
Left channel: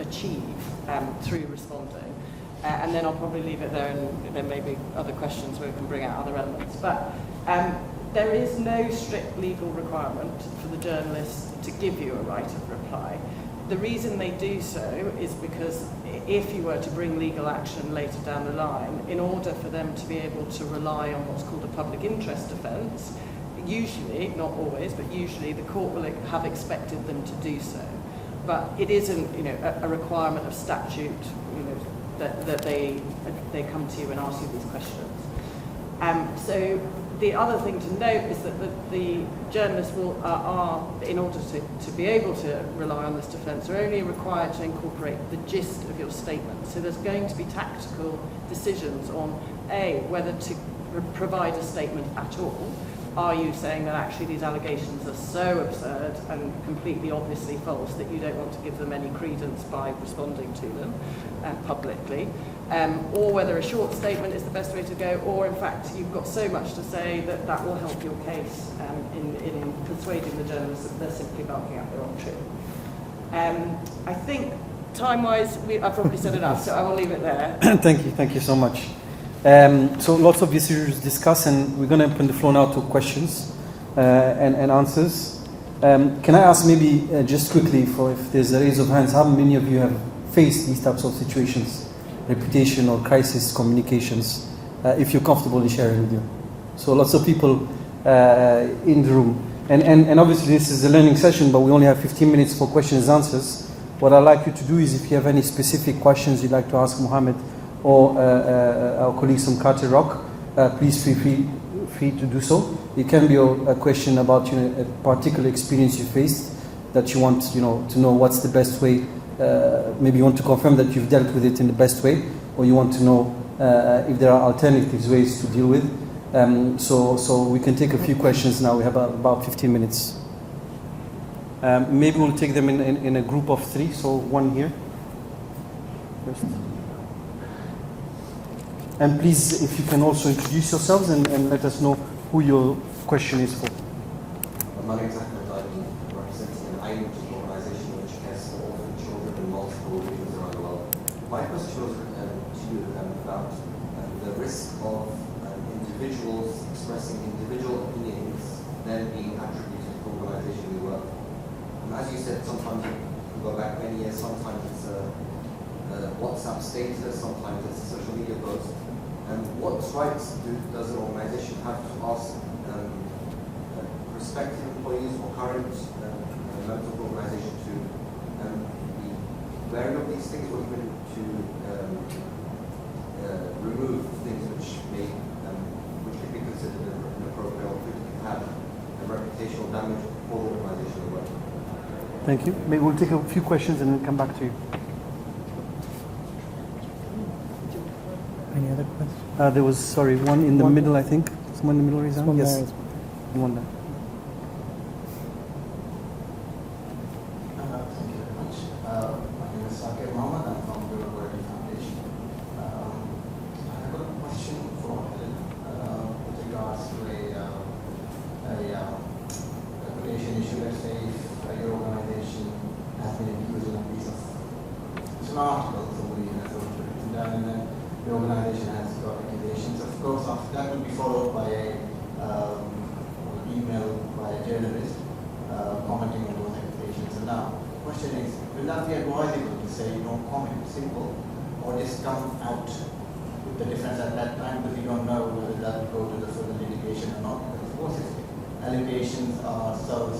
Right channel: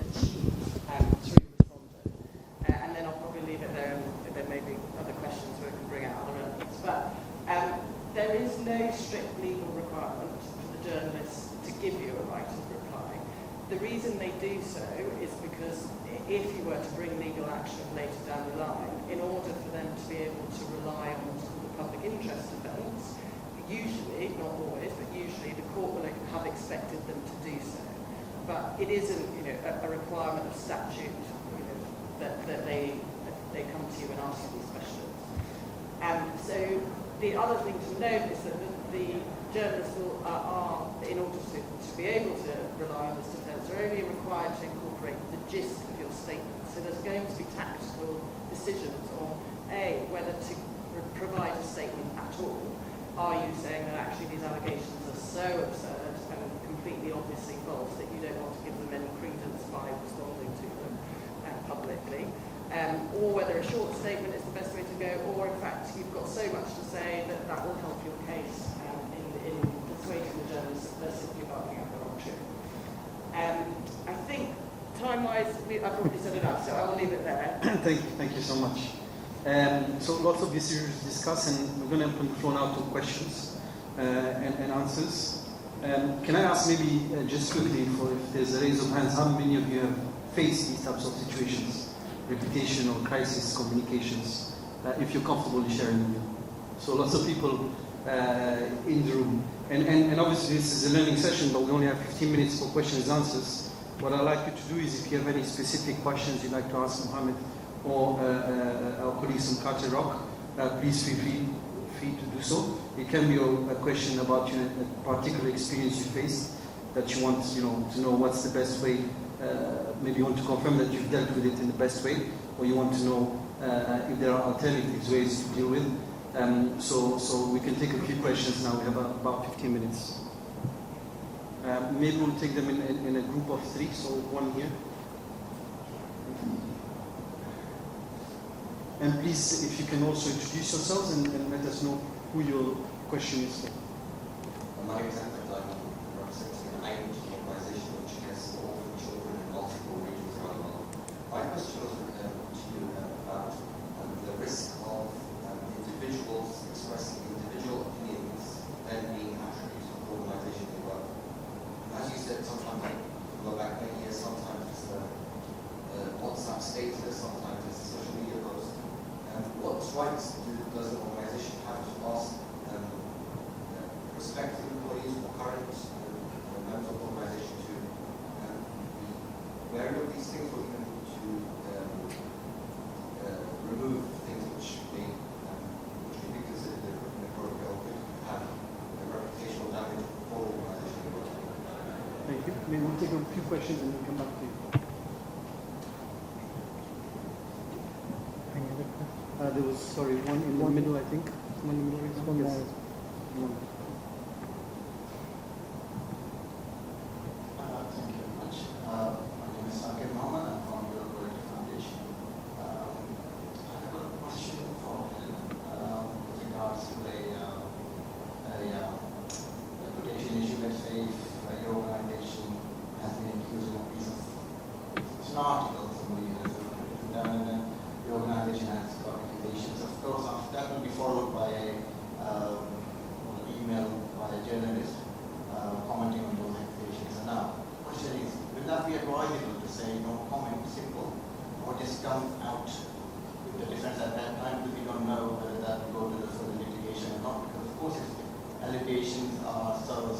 achieve through responding. And then I'll probably leave it there, and there may be other questions where we can bring out other elements. But there is no strict legal requirement for the journalist to give you a right of reply. The reason they do so is because if you were to bring legal action later down the line, in order for them to be able to rely on what's called a public interest defence, usually, not always, but usually the court will have expected them to do so. But it isn't, you know, a requirement of statute, you know, that they come to you and ask you these questions. So the other thing to note is that the journalists are, in order to be able to rely on this defence, are only required to incorporate the gist of your statement. So there's going to be tactical decisions on, A, whether to provide a statement at all. Are you saying that actually these allegations are so absurd and completely obviously false that you don't want to give them any credence by responding to them publicly? Or whether a short statement is the best way to go, or in fact you've got so much to say that will help your case in persuading the journalists that they're simply barking up their own tree. I think time-wise, I've probably said enough, so I will leave it there. Thank you so much. So lots of issues discussed, and we're going to open the floor now to questions and answers. Can I ask maybe just quickly, for if there's a raise of hands, how many of you have faced these types of situations, reputation or crisis communications, if you're comfortable in sharing with you? So lots of people in the room. And obviously this is a learning session, but we only have 15 minutes for questions and answers. What I'd like you to do is, if you have any specific questions you'd like to ask Mohammed or our colleagues from Carter Rock, please feel free to do so. It can be a question about, you know, a particular experience you faced that you want, you know, to know what's the best way. Maybe you want to confirm that you've dealt with it in the best way, or you want to know if there are alternative ways to deal with. So we can take a few questions now. We have about 15 minutes. Maybe we'll take them in a group of 3. So one here first. And please, if you can also introduce yourselves and let us know who your question is for. My name is Ahmed. I'm representing an AIM organisation which cares for orphan children in multiple regions around the world. My question was to you about the risk of individuals expressing individual opinions then being attributed to the organisation we work for. And as you said, sometimes you can go back many years, sometimes it's a WhatsApp status, sometimes it's a social media post. What rights does the organisation have to ask prospective employees or current members of the organisation to be wary of these things, or even to remove things which could be considered inappropriate or could have a reputational damage for the organisation we work for? Thank you. Maybe we'll take a few questions and then come back to you. Any other questions? There was, sorry, one in the middle, I think. Someone in the middle raised hand? Yes. One there. Thank you very much. My name is Sakir Mohammed. I'm from the Breakout Foundation. I have a question for Helen with regards to a reputation issue. Let's say if your organization has been accused of a piece of, it's an article, somebody has written down, and then the organization has got accusations. Of course, after that will be followed by a email by a journalist commenting on those accusations. And now, the question is, will that be advisable to say no comment, simple, or just come out with the defense at that time, because you don't know whether that will go to the further litigation or not? Because of course, if the allegations are so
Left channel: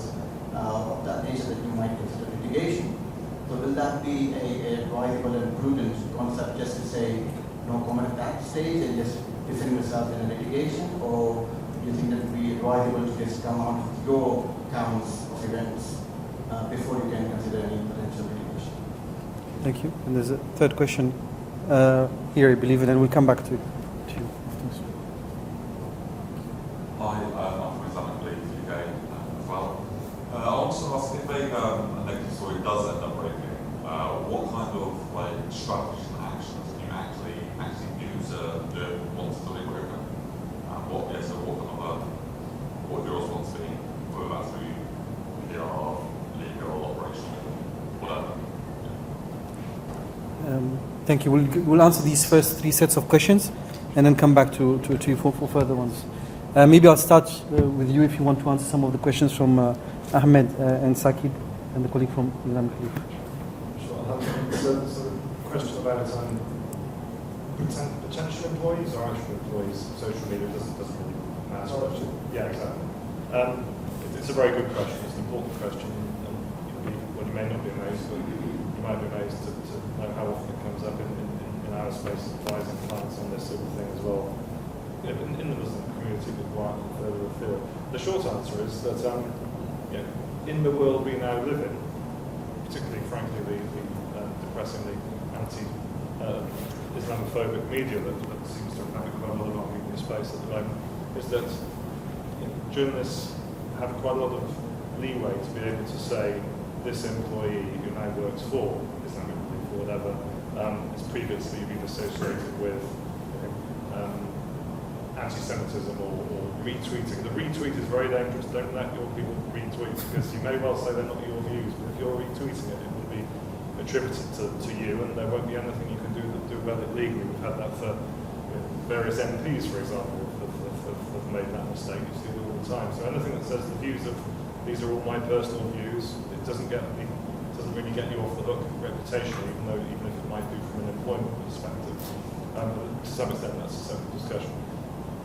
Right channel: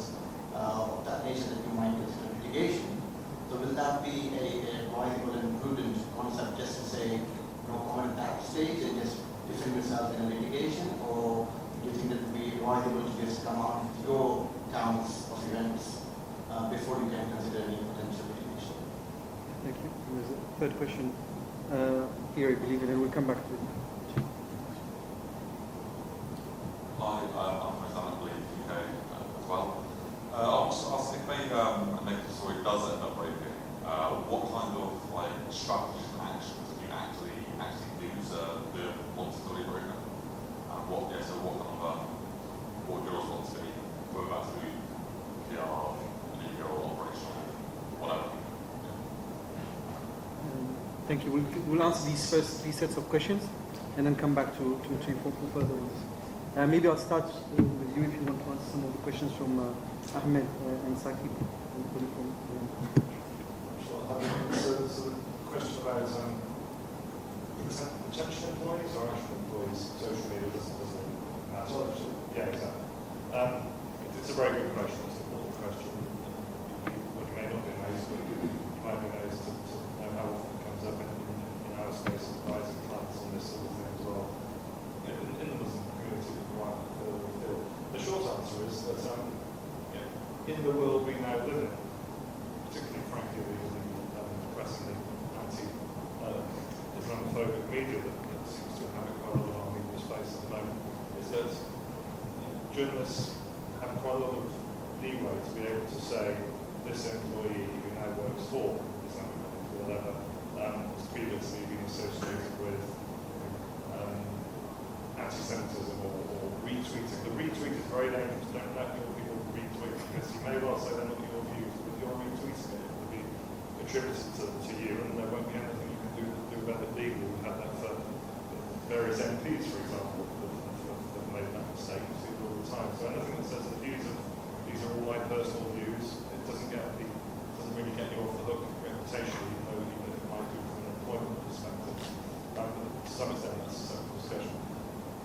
of that nature that you might consider litigation, so will that be a advisable and prudent concept just to say no comment at that stage and just defend yourself in a litigation, or do you think that would be advisable to just come out with your counts of events before you can consider any potential litigation? Thank you. And there's a third question here, I believe, and then we'll come back to you. Hi, I'm from UK as well. I want to ask if a negative story does end up breaking, what kind of strategies and actions can you actually use to want to delete Breakout? What would your response be, whether that's through PR, legal, or operational, whatever? Thank you. We'll answer these first three sets of questions and then come back to you for further ones. Maybe I'll start with you if you want to answer some of the questions from Ahmed and Saqib and the colleague from Iran. Sure. So the question about potential employees or actual employees, social media doesn't matter. Yeah, exactly. It's a very good question. It's an important question. You may not be amazed, but you might be amazed to know how often it comes up in our space, advising clients on this sort of thing as well. In the Muslim community, but quite further afield. The short answer is that in the world we now live in, particularly, frankly, the depressingly anti-Islamophobic media that seems to have quite a lot of our media space at the moment, is that journalists have quite a lot of leeway to be able to say this employee who now works for Islamic Group or whatever has previously been associated with anti-Semitism or retweeting. The retweet is very dangerous. Don't let your people retweet, because you may well say they're not your views, but if you're retweeting it, it will be attributed to you, and there won't be anything you can do about it legally. We've had that for various MPs, for example, have made that mistake. You see it all the time. So anything that says the views of these are all my personal views, it doesn't really get you off the hook reputationally, even if it might do from an employment perspective. But to some extent, that's a separate discussion.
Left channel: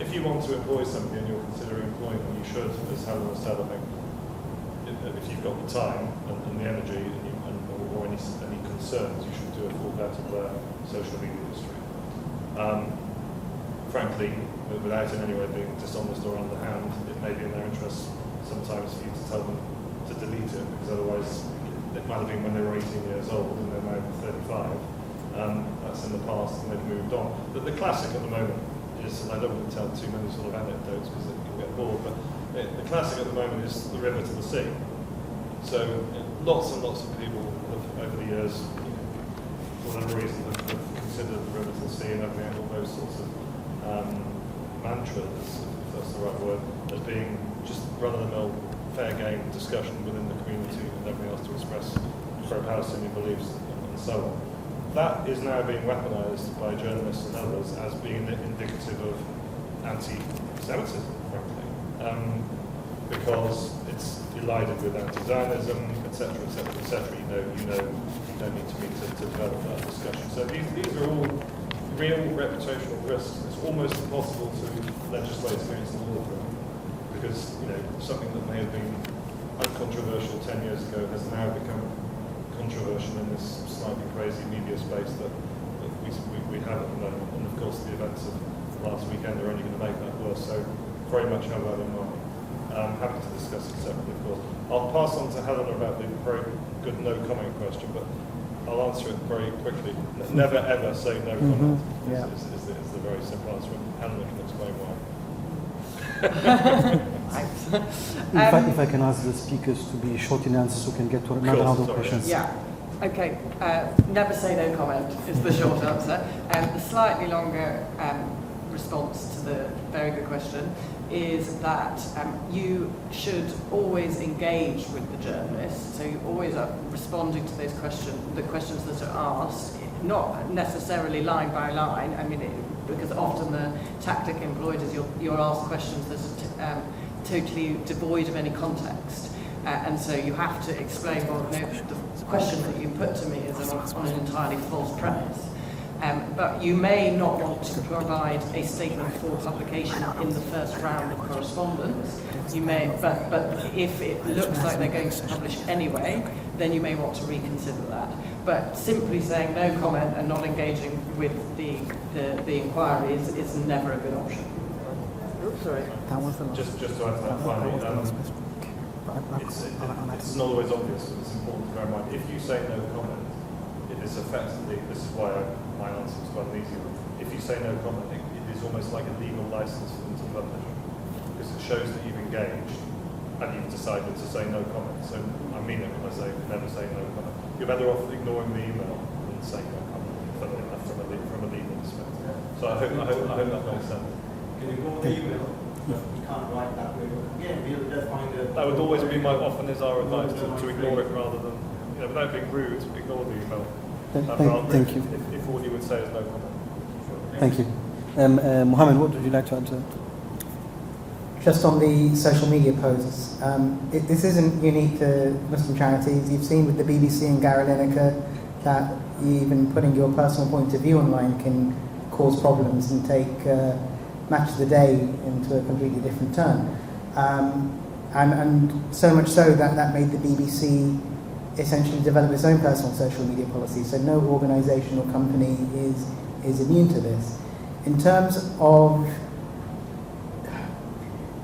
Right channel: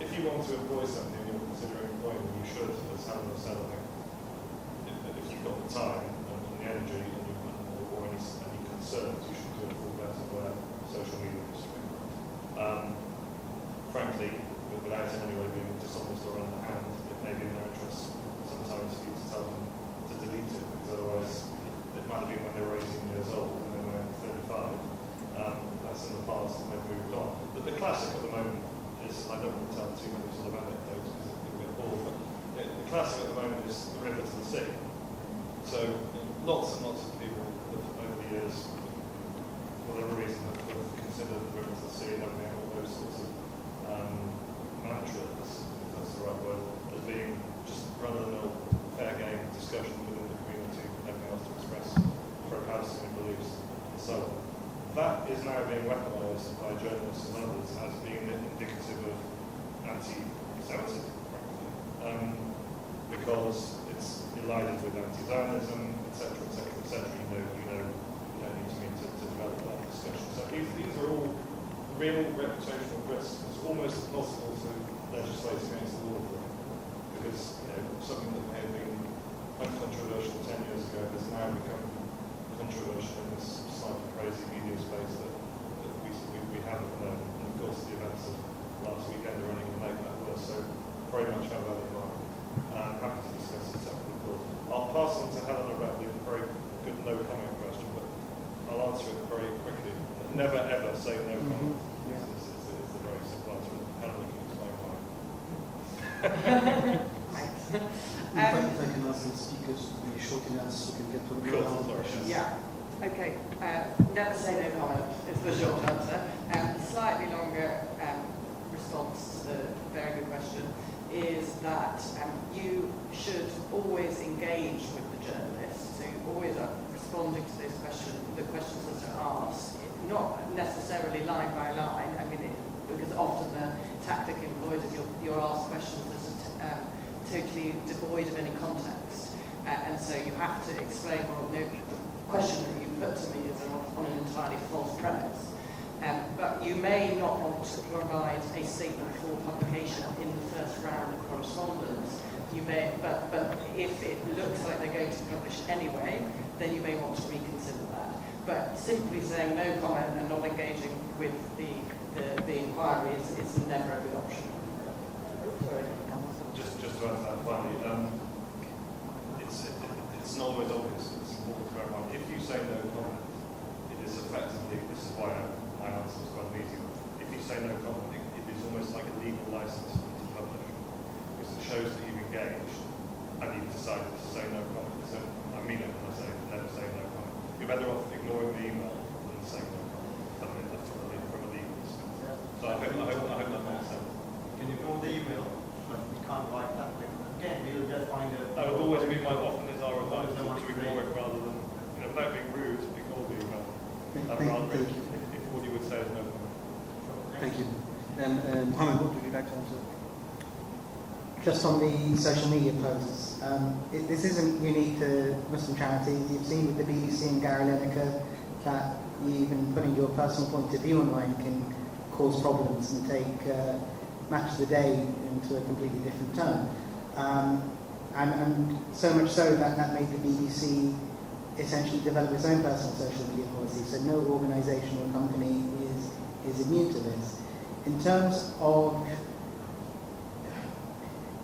If you want to employ somebody and you're considering employing them, you should, as Helen said, I think, if you've got the time and the energy or any concerns, you should do a full vet of their social media history. Frankly, without in any way being dishonest or underhand, it may be in their interest sometimes for you to tell them to delete it, because otherwise it might have been when they were 18 years old and they're now 35. That's in the past and they've moved on. But the classic at the moment is, and I don't want to tell too many sort of anecdotes because you'll get bored, but the classic at the moment is the river to the sea. So lots and lots of people have, over the years, for whatever reason, have considered the river to the sea and everything, all those sorts of mantras, if that's the right word, as being just run-of-the-mill fair game discussion within the community with everything else to express pro-Palestinian beliefs and so on. That is now being weaponised by journalists and others as being indicative of anti-Semitism, frankly, because it's elided with anti-Zionism, etc., etc., etc. You don't need to meet to develop that discussion. So these are all real reputational risks. It's almost impossible to legislate against the law for them, because something that may have been uncontroversial 10 years ago has now become controversial in this slightly crazy media space that we have at the moment. And of course, the events of last weekend are only going to make that worse. So very much have that in mind. I'm happy to discuss it separately, of course. I'll pass on to Helen about the very good no comment question, but I'll answer it very quickly. Never ever say no comment. Yeah. Is the very simple answer. Helen can explain why. If I can ask the speakers to be short in answers, so we can get to another round of questions. Yeah. Okay. Never say no comment is the short answer. The slightly longer response to the very good question is that you should always engage with the journalists. So you're always responding to those questions, the questions that are asked, not necessarily line by line. I mean, because often the tactic employed is you're asked questions that are totally devoid of any context. And so you have to explain, well, no, the question that you put to me is on an entirely false premise. But you may not want to provide a statement for publication in the first round of correspondence. You may, but if it looks like they're going to publish anyway, then you may want to reconsider that. But simply saying no comment and not engaging with the inquiry is never a good option. Oops, sorry. Just to add to that finally, it's not always obvious. It's important to bear in mind. If you say no comment, it is effectively, this is why my answer was quite an easy one. If you say no comment, it is almost like a legal license for them to publish, because it shows that you've engaged and you've decided to say no comment. So I mean it when I say never say no comment. You're better off ignoring the email than saying no comment from a legal perspective. So I hope that makes sense. You can ignore the email, but you can't write that way. Again, you'll just find a... That would always be my often is our advice to ignore it rather than, without being rude, ignore the email. Thank you. If all you would say is no comment. Thank you. Mohammed, what would you like to answer? Just on the social media posts, this isn't unique to Muslim charities. You've seen with the BBC and Gary Lineker that even putting your personal point of view online can cause problems and take Match of the Day into a completely different turn. And so much so that made the BBC essentially develop its own personal social media policy. So no organisation or company is immune to this. In terms of,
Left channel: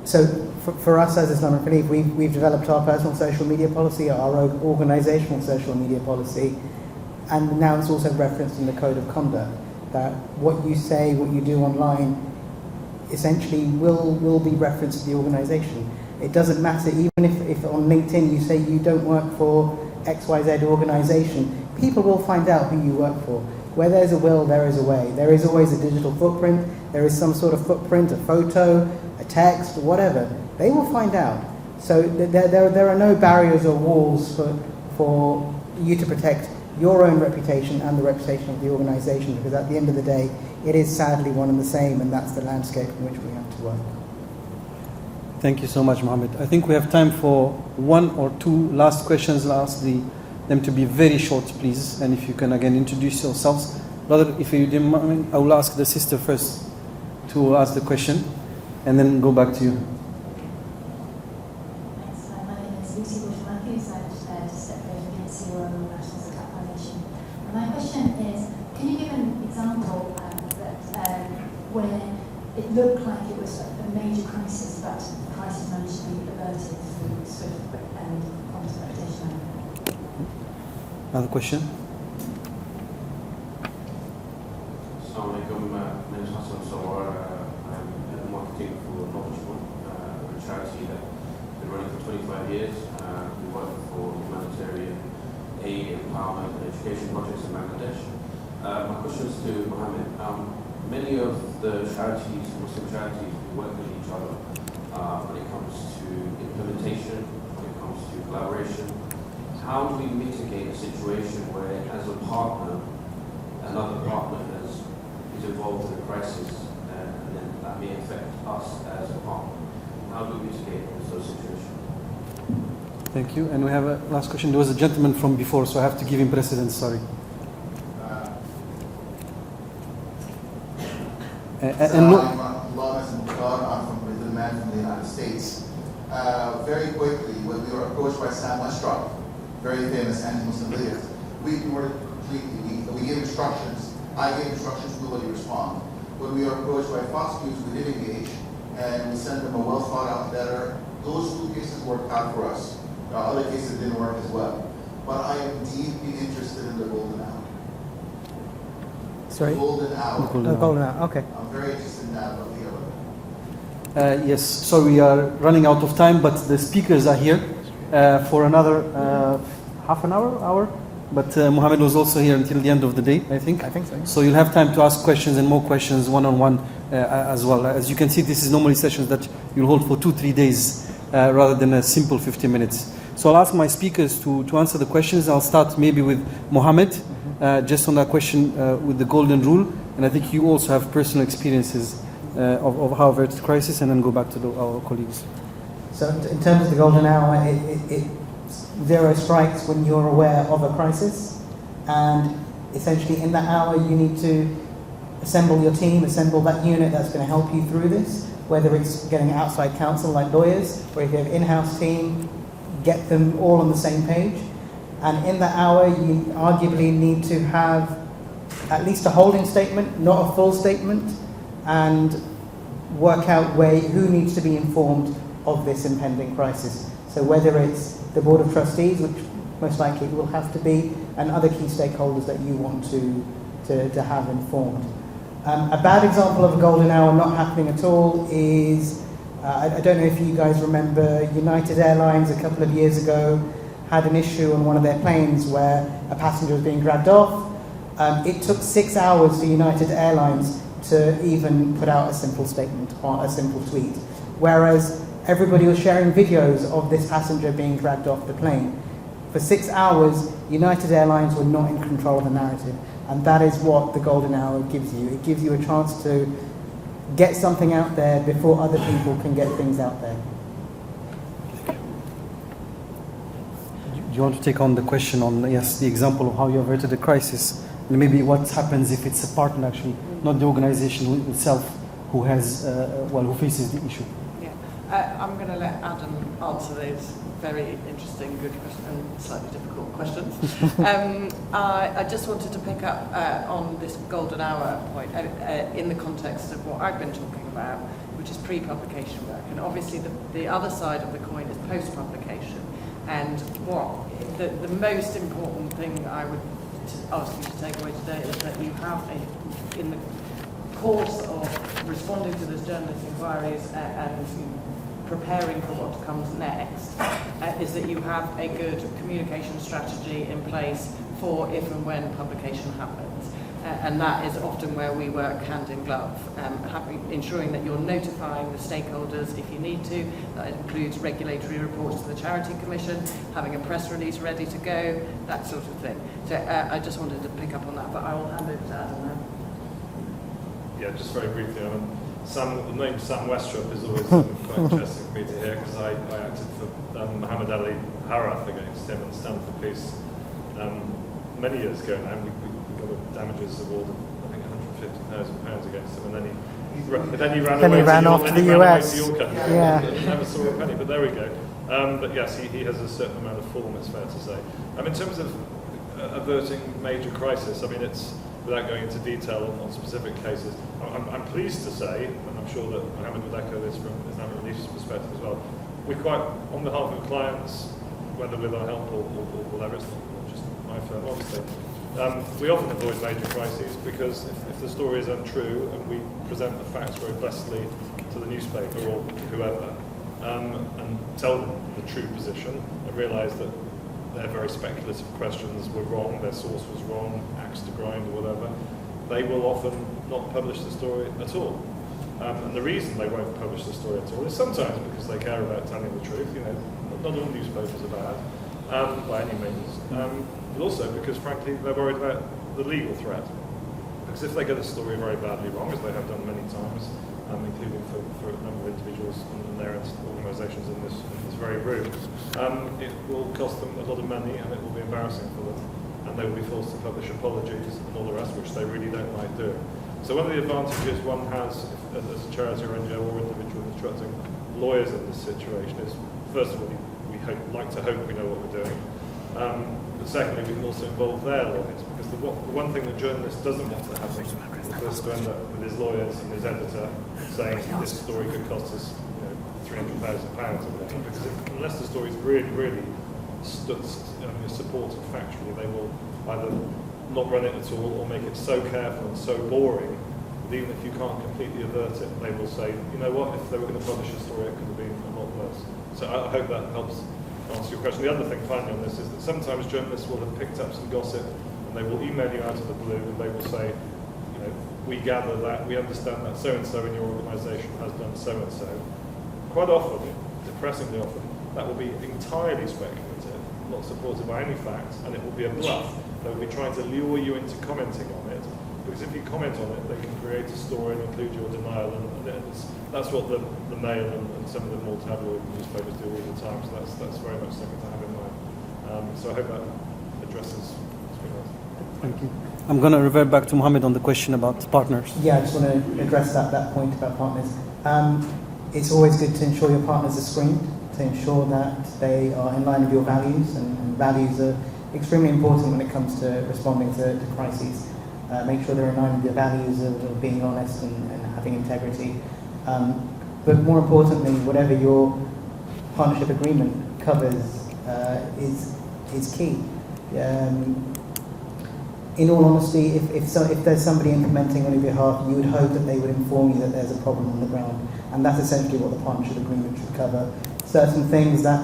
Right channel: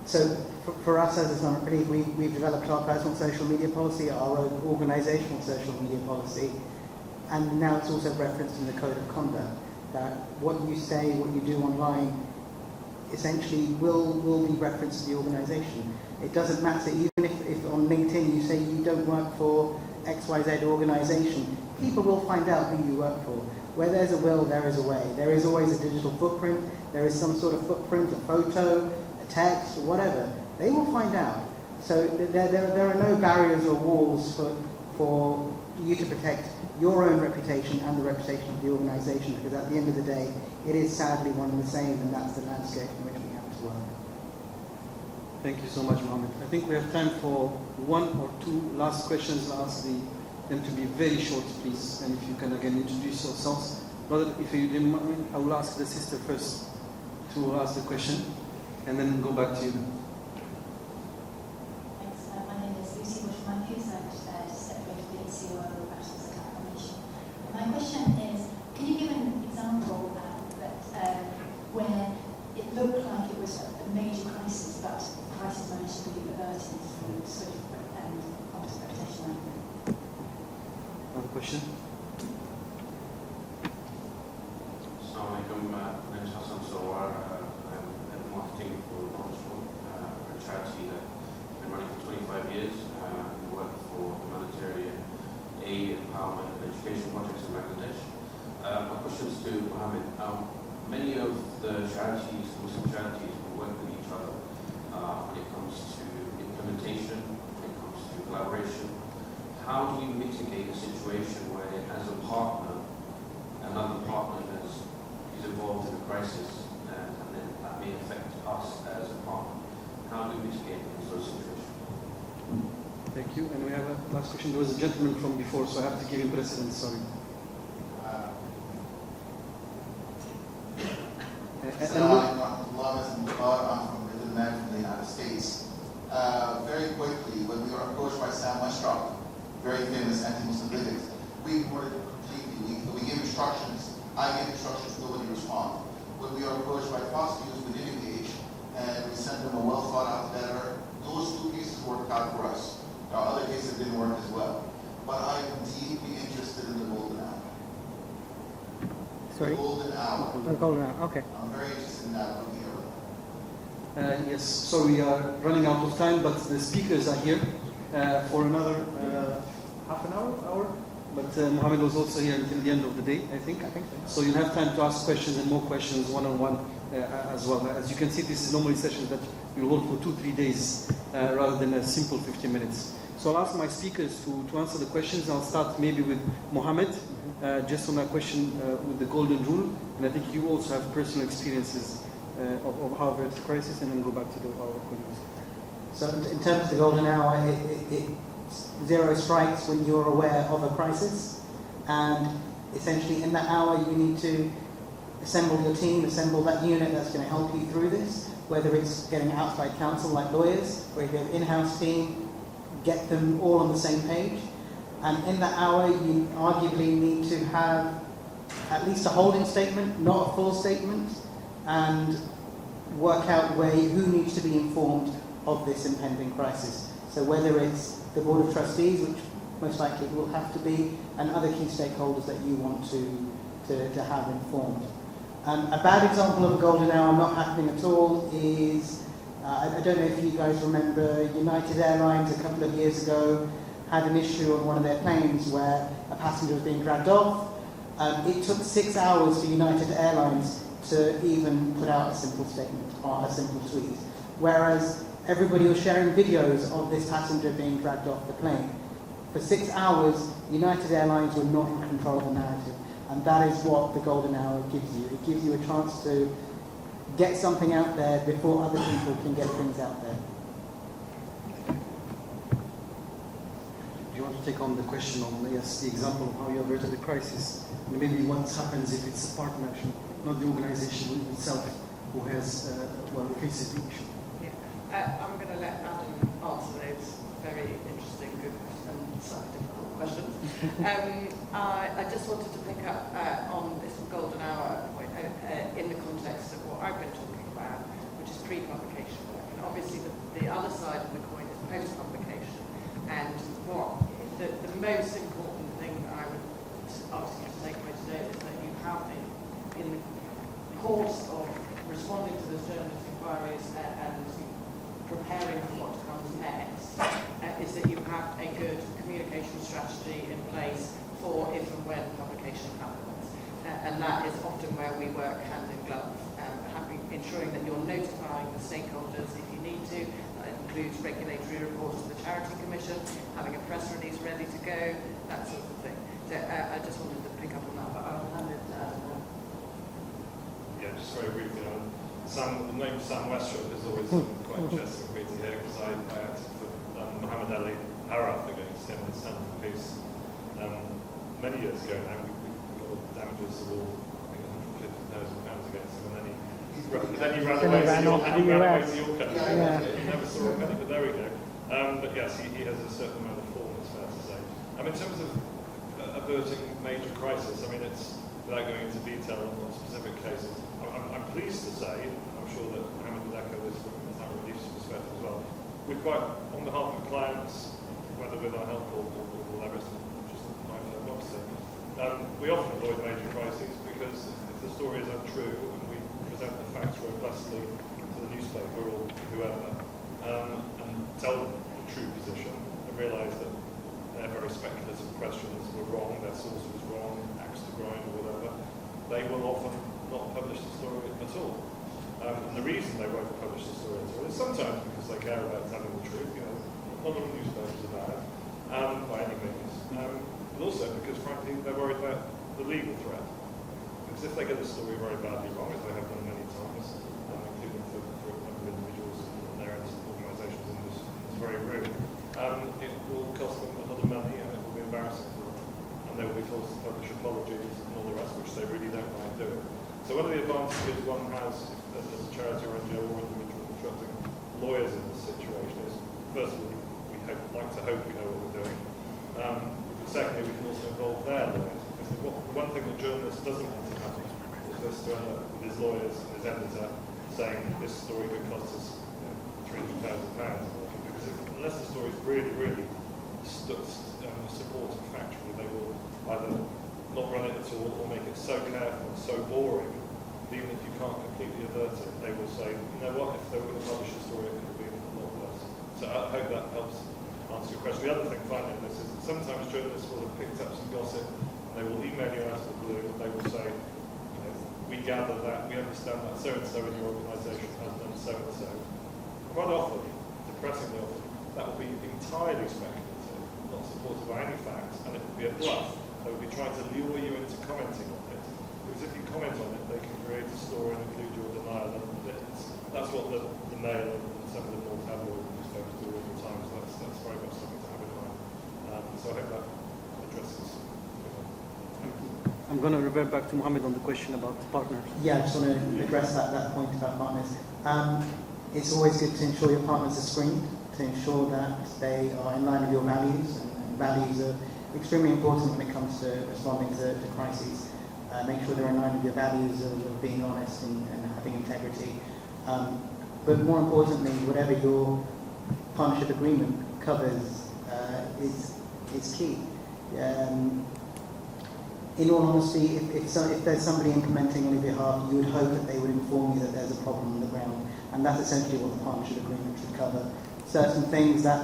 so for us as Islamic Relief, we've developed our personal social media policy, our organisational social media policy, and now it's also referenced in the Code of Conduct that what you say, what you do online, essentially will be referenced to the organisation. It doesn't matter, even if on LinkedIn you say you don't work for XYZ organisation, people will find out who you work for. Where there's a will, there is a way. There is always a digital footprint, there is some sort of footprint, a photo, a text, whatever. They will find out. So there are no barriers or walls for you to protect your own reputation and the reputation of the organisation, because at the end of the day, it is sadly one and the same, and that's the landscape in which we have to work. Thank you so much, Mohammed. I think we have time for one or two last questions. I'll ask them to be very short, please. And if you can again introduce yourselves. Brother, if you didn't mind, I will ask the sister first to ask the question, and then go back to you. Thanks. My name is Lucy Bush-Matthews. I'm just Secretary of the CEO of the National Zakat Foundation. And my question is, can you give an example where it looked like it was a major crisis, but the crisis managed to be averted through swift and honest reputation? Another question? Assalamualaikum. My name is Hassan Sawar. I'm head of marketing for a charity that's been running for 25 years. We work for humanitarian aid, empowerment, and education projects in Bangladesh. My question is to Mohammed. Many of the charities, Muslim charities, we work with each other when it comes to implementation, when it comes to collaboration. How do we mitigate a situation where, as a partner, another partner is involved in a crisis, and then that may affect us as a partner? How do we mitigate those situations? Thank you. And we have a last question. There was a gentleman from before, so I have to give him precedence. Sorry. I'm from the United States. Very quickly, when we were approached by Sam Westrop, very famous anti-Muslim bigot, we ignored it completely. We gave instructions. I gave instructions, nobody responded. When we were approached by prosecutors, we did engage, and we sent them a well-thought-out letter. Those 2 cases worked out for us. Other cases didn't work as well. But I am deeply interested in the golden hour. Sorry? The golden hour. The golden hour, okay. I'm very interested in that. Yes, so we are running out of time, but the speakers are here for another half an hour. But Mohammed was also here until the end of the day, I think. I think so. So you'll have time to ask questions and more questions one-on-one as well. As you can see, this is normally sessions that you'll hold for 2-3 days rather than a simple 15 minutes. So I'll ask my speakers to answer the questions. I'll start maybe with Mohammed, just on that question with the golden rule. And I think you also have personal experiences of how averted crisis, and then go back to our colleagues. So in terms of the golden hour, it zero strikes when you're aware of a crisis, and essentially in that hour you need to assemble your team, assemble that unit that's going to help you through this, whether it's getting outside counsel like lawyers, or if you have an in-house team, get them all on the same page. And in that hour you arguably need to have at least a holding statement, not a full statement, and work out who needs to be informed of this impending crisis. So whether it's the Board of Trustees, which most likely it will have to be, and other key stakeholders that you want to have informed. A bad example of a golden hour not happening at all is, I don't know if you guys remember, United Airlines a couple of years ago had an issue on one of their planes where a passenger was being dragged off. It took 6 hours for United Airlines to even put out a simple statement or a simple tweet, whereas everybody was sharing videos of this passenger being dragged off the plane. For 6 hours, United Airlines were not in control of the narrative, and that is what the golden hour gives you. It gives you a chance to get something out there before other people can get things out there. Do you want to take on the question on, yes, the example of how you averted a crisis, and maybe what happens if it's a partner actually, not the organization itself, who has, who faces the issue? Yeah, I'm going to let Adam answer those very interesting, good and slightly difficult questions. I just wanted to pick up on this golden hour point in the context of what I've been talking about, which is pre-publication work. And obviously the other side of the coin is post-publication. And what the most important thing I would ask you to take away today is that you have in the course of responding to this journalist inquiries and preparing for what comes next, is that you have a good communication strategy in place for if and when publication happens. And that is often where we work hand in glove, ensuring that you're notifying the stakeholders if you need to. That includes regulatory reports to the Charity Commission, having a press release ready to go, that sort of thing. So I just wanted to pick up on that, but I will hand it to Adam now. Yeah, just very briefly. The name Sam Westrop is always quite interesting for me to hear, because I acted for Muhammad Ali Harath against him at the Stanford piece many years ago now. We got a damages award, I think £150,000 against him, and then he ran off to the US. Yeah. Never saw a penny, but there we go. But yes, he has a certain amount of form, it's fair to say. In terms of averting major crisis, it's, without going into detail on specific cases, I'm pleased to say, and I'm sure that Mohammed would echo this from Islamic Relief's perspective as well, we're quite, on behalf of clients, whether with our help or whatever, it's just my firm, obviously, we often avoid major crises because if the story is untrue and we present the facts very blessedly to the newspaper or whoever, and tell them the true position and realise that their very speculative questions were wrong, their source was wrong, axe to grind or whatever, they will often not publish the story at all. And the reason they won't publish the story at all is sometimes because they care about telling the truth. You know, not all newspapers are bad by any means, but also because, frankly, they're worried about the legal threat. Because if they get a story very badly wrong, as they have done many times, including for a number of individuals and their organisations in this very room, it will cost them a lot of money and it will be embarrassing for them. And they will be forced to publish apologies and all the rest, which they really don't like doing. So one of the advantages one has as a charity or NGO or individual instructing lawyers in this situation is, first of all, we like to hope we know what we're doing. But secondly, we can also involve their lawyers, because the one thing that journalist doesn't want to happen is for us to end up with his lawyers and his editor saying this story could cost us £300,000 or whatever, because unless the story is really, really supported factually, they will either not run it at all or make it so careful and so boring that even if you can't completely avert it, they will say, you know what, if they were going to publish a story, it could have been a lot worse. So I hope that helps answer your question. The other thing finally on this is that sometimes journalists will have picked up some gossip and they will email you out of the blue and they will say, you know, we gather that, we understand that so-and-so in your organisation has done so-and-so. Quite often, depressingly often, that will be entirely speculative, not supported by any facts, and it will be a bluff. They will be trying to lure you into commenting on it, because if you comment on it, they can create a story and include your denial, and that's what the Mail and some of the more tabloid newspapers do all the time, so that's very much something to have in mind. So I hope that addresses. Thank you. I'm going to revert back to Mohammed on the question about partners. Yeah, I just want to address that point about partners. It's always good to ensure your partners are screened, to ensure that they are in line with your values, and values are extremely important when it comes to responding to crises. Make sure they're in line with your values of being honest and having integrity. But more importantly, whatever your partnership agreement covers is key. In all honesty, if there's somebody implementing on your behalf, you would hope that they would inform you that there's a problem on the ground. And that's essentially what the partnership agreement should cover. Certain things that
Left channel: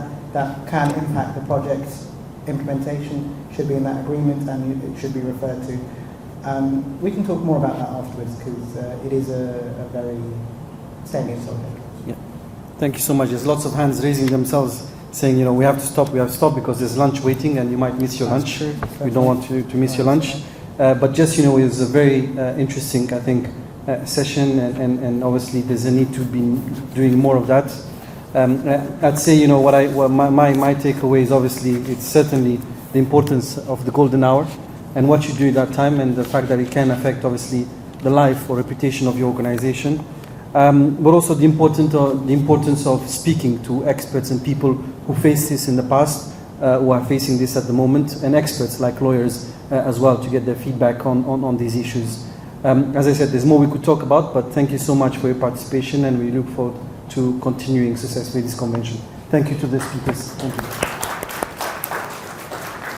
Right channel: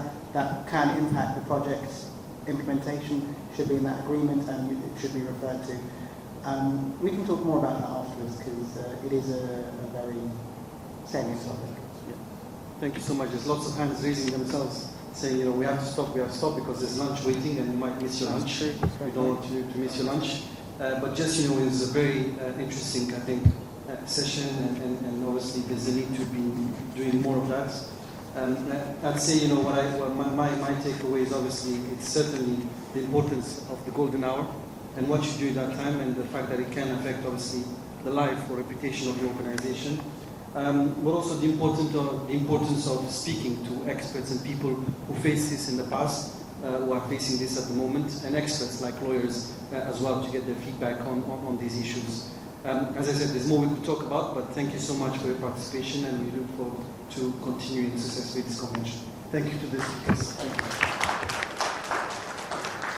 can impact the project's implementation should be in that agreement, and it should be referred to. We can talk more about that afterwards, because it is a very salient topic. Yeah. Thank you so much. There's lots of hands raising themselves, saying, you know, we have to stop because there's lunch waiting and you might miss your lunch. We don't want to miss your lunch. But just, you know, it was a very interesting, I think, session, and obviously there's a need to be doing more of that. I'd say, you know, my takeaway is obviously it's certainly the importance of the golden hour and what you do at that time, and the fact that it can affect obviously the life or reputation of your organization. But also the importance of speaking to experts and people who faced this in the past, who are facing this at the moment, and experts like lawyers as well, to get their feedback on these issues. As I said, there's more we could talk about, but thank you so much for your participation, and we look forward to continuing successfully this convention. Thank you to the speakers. Thank you.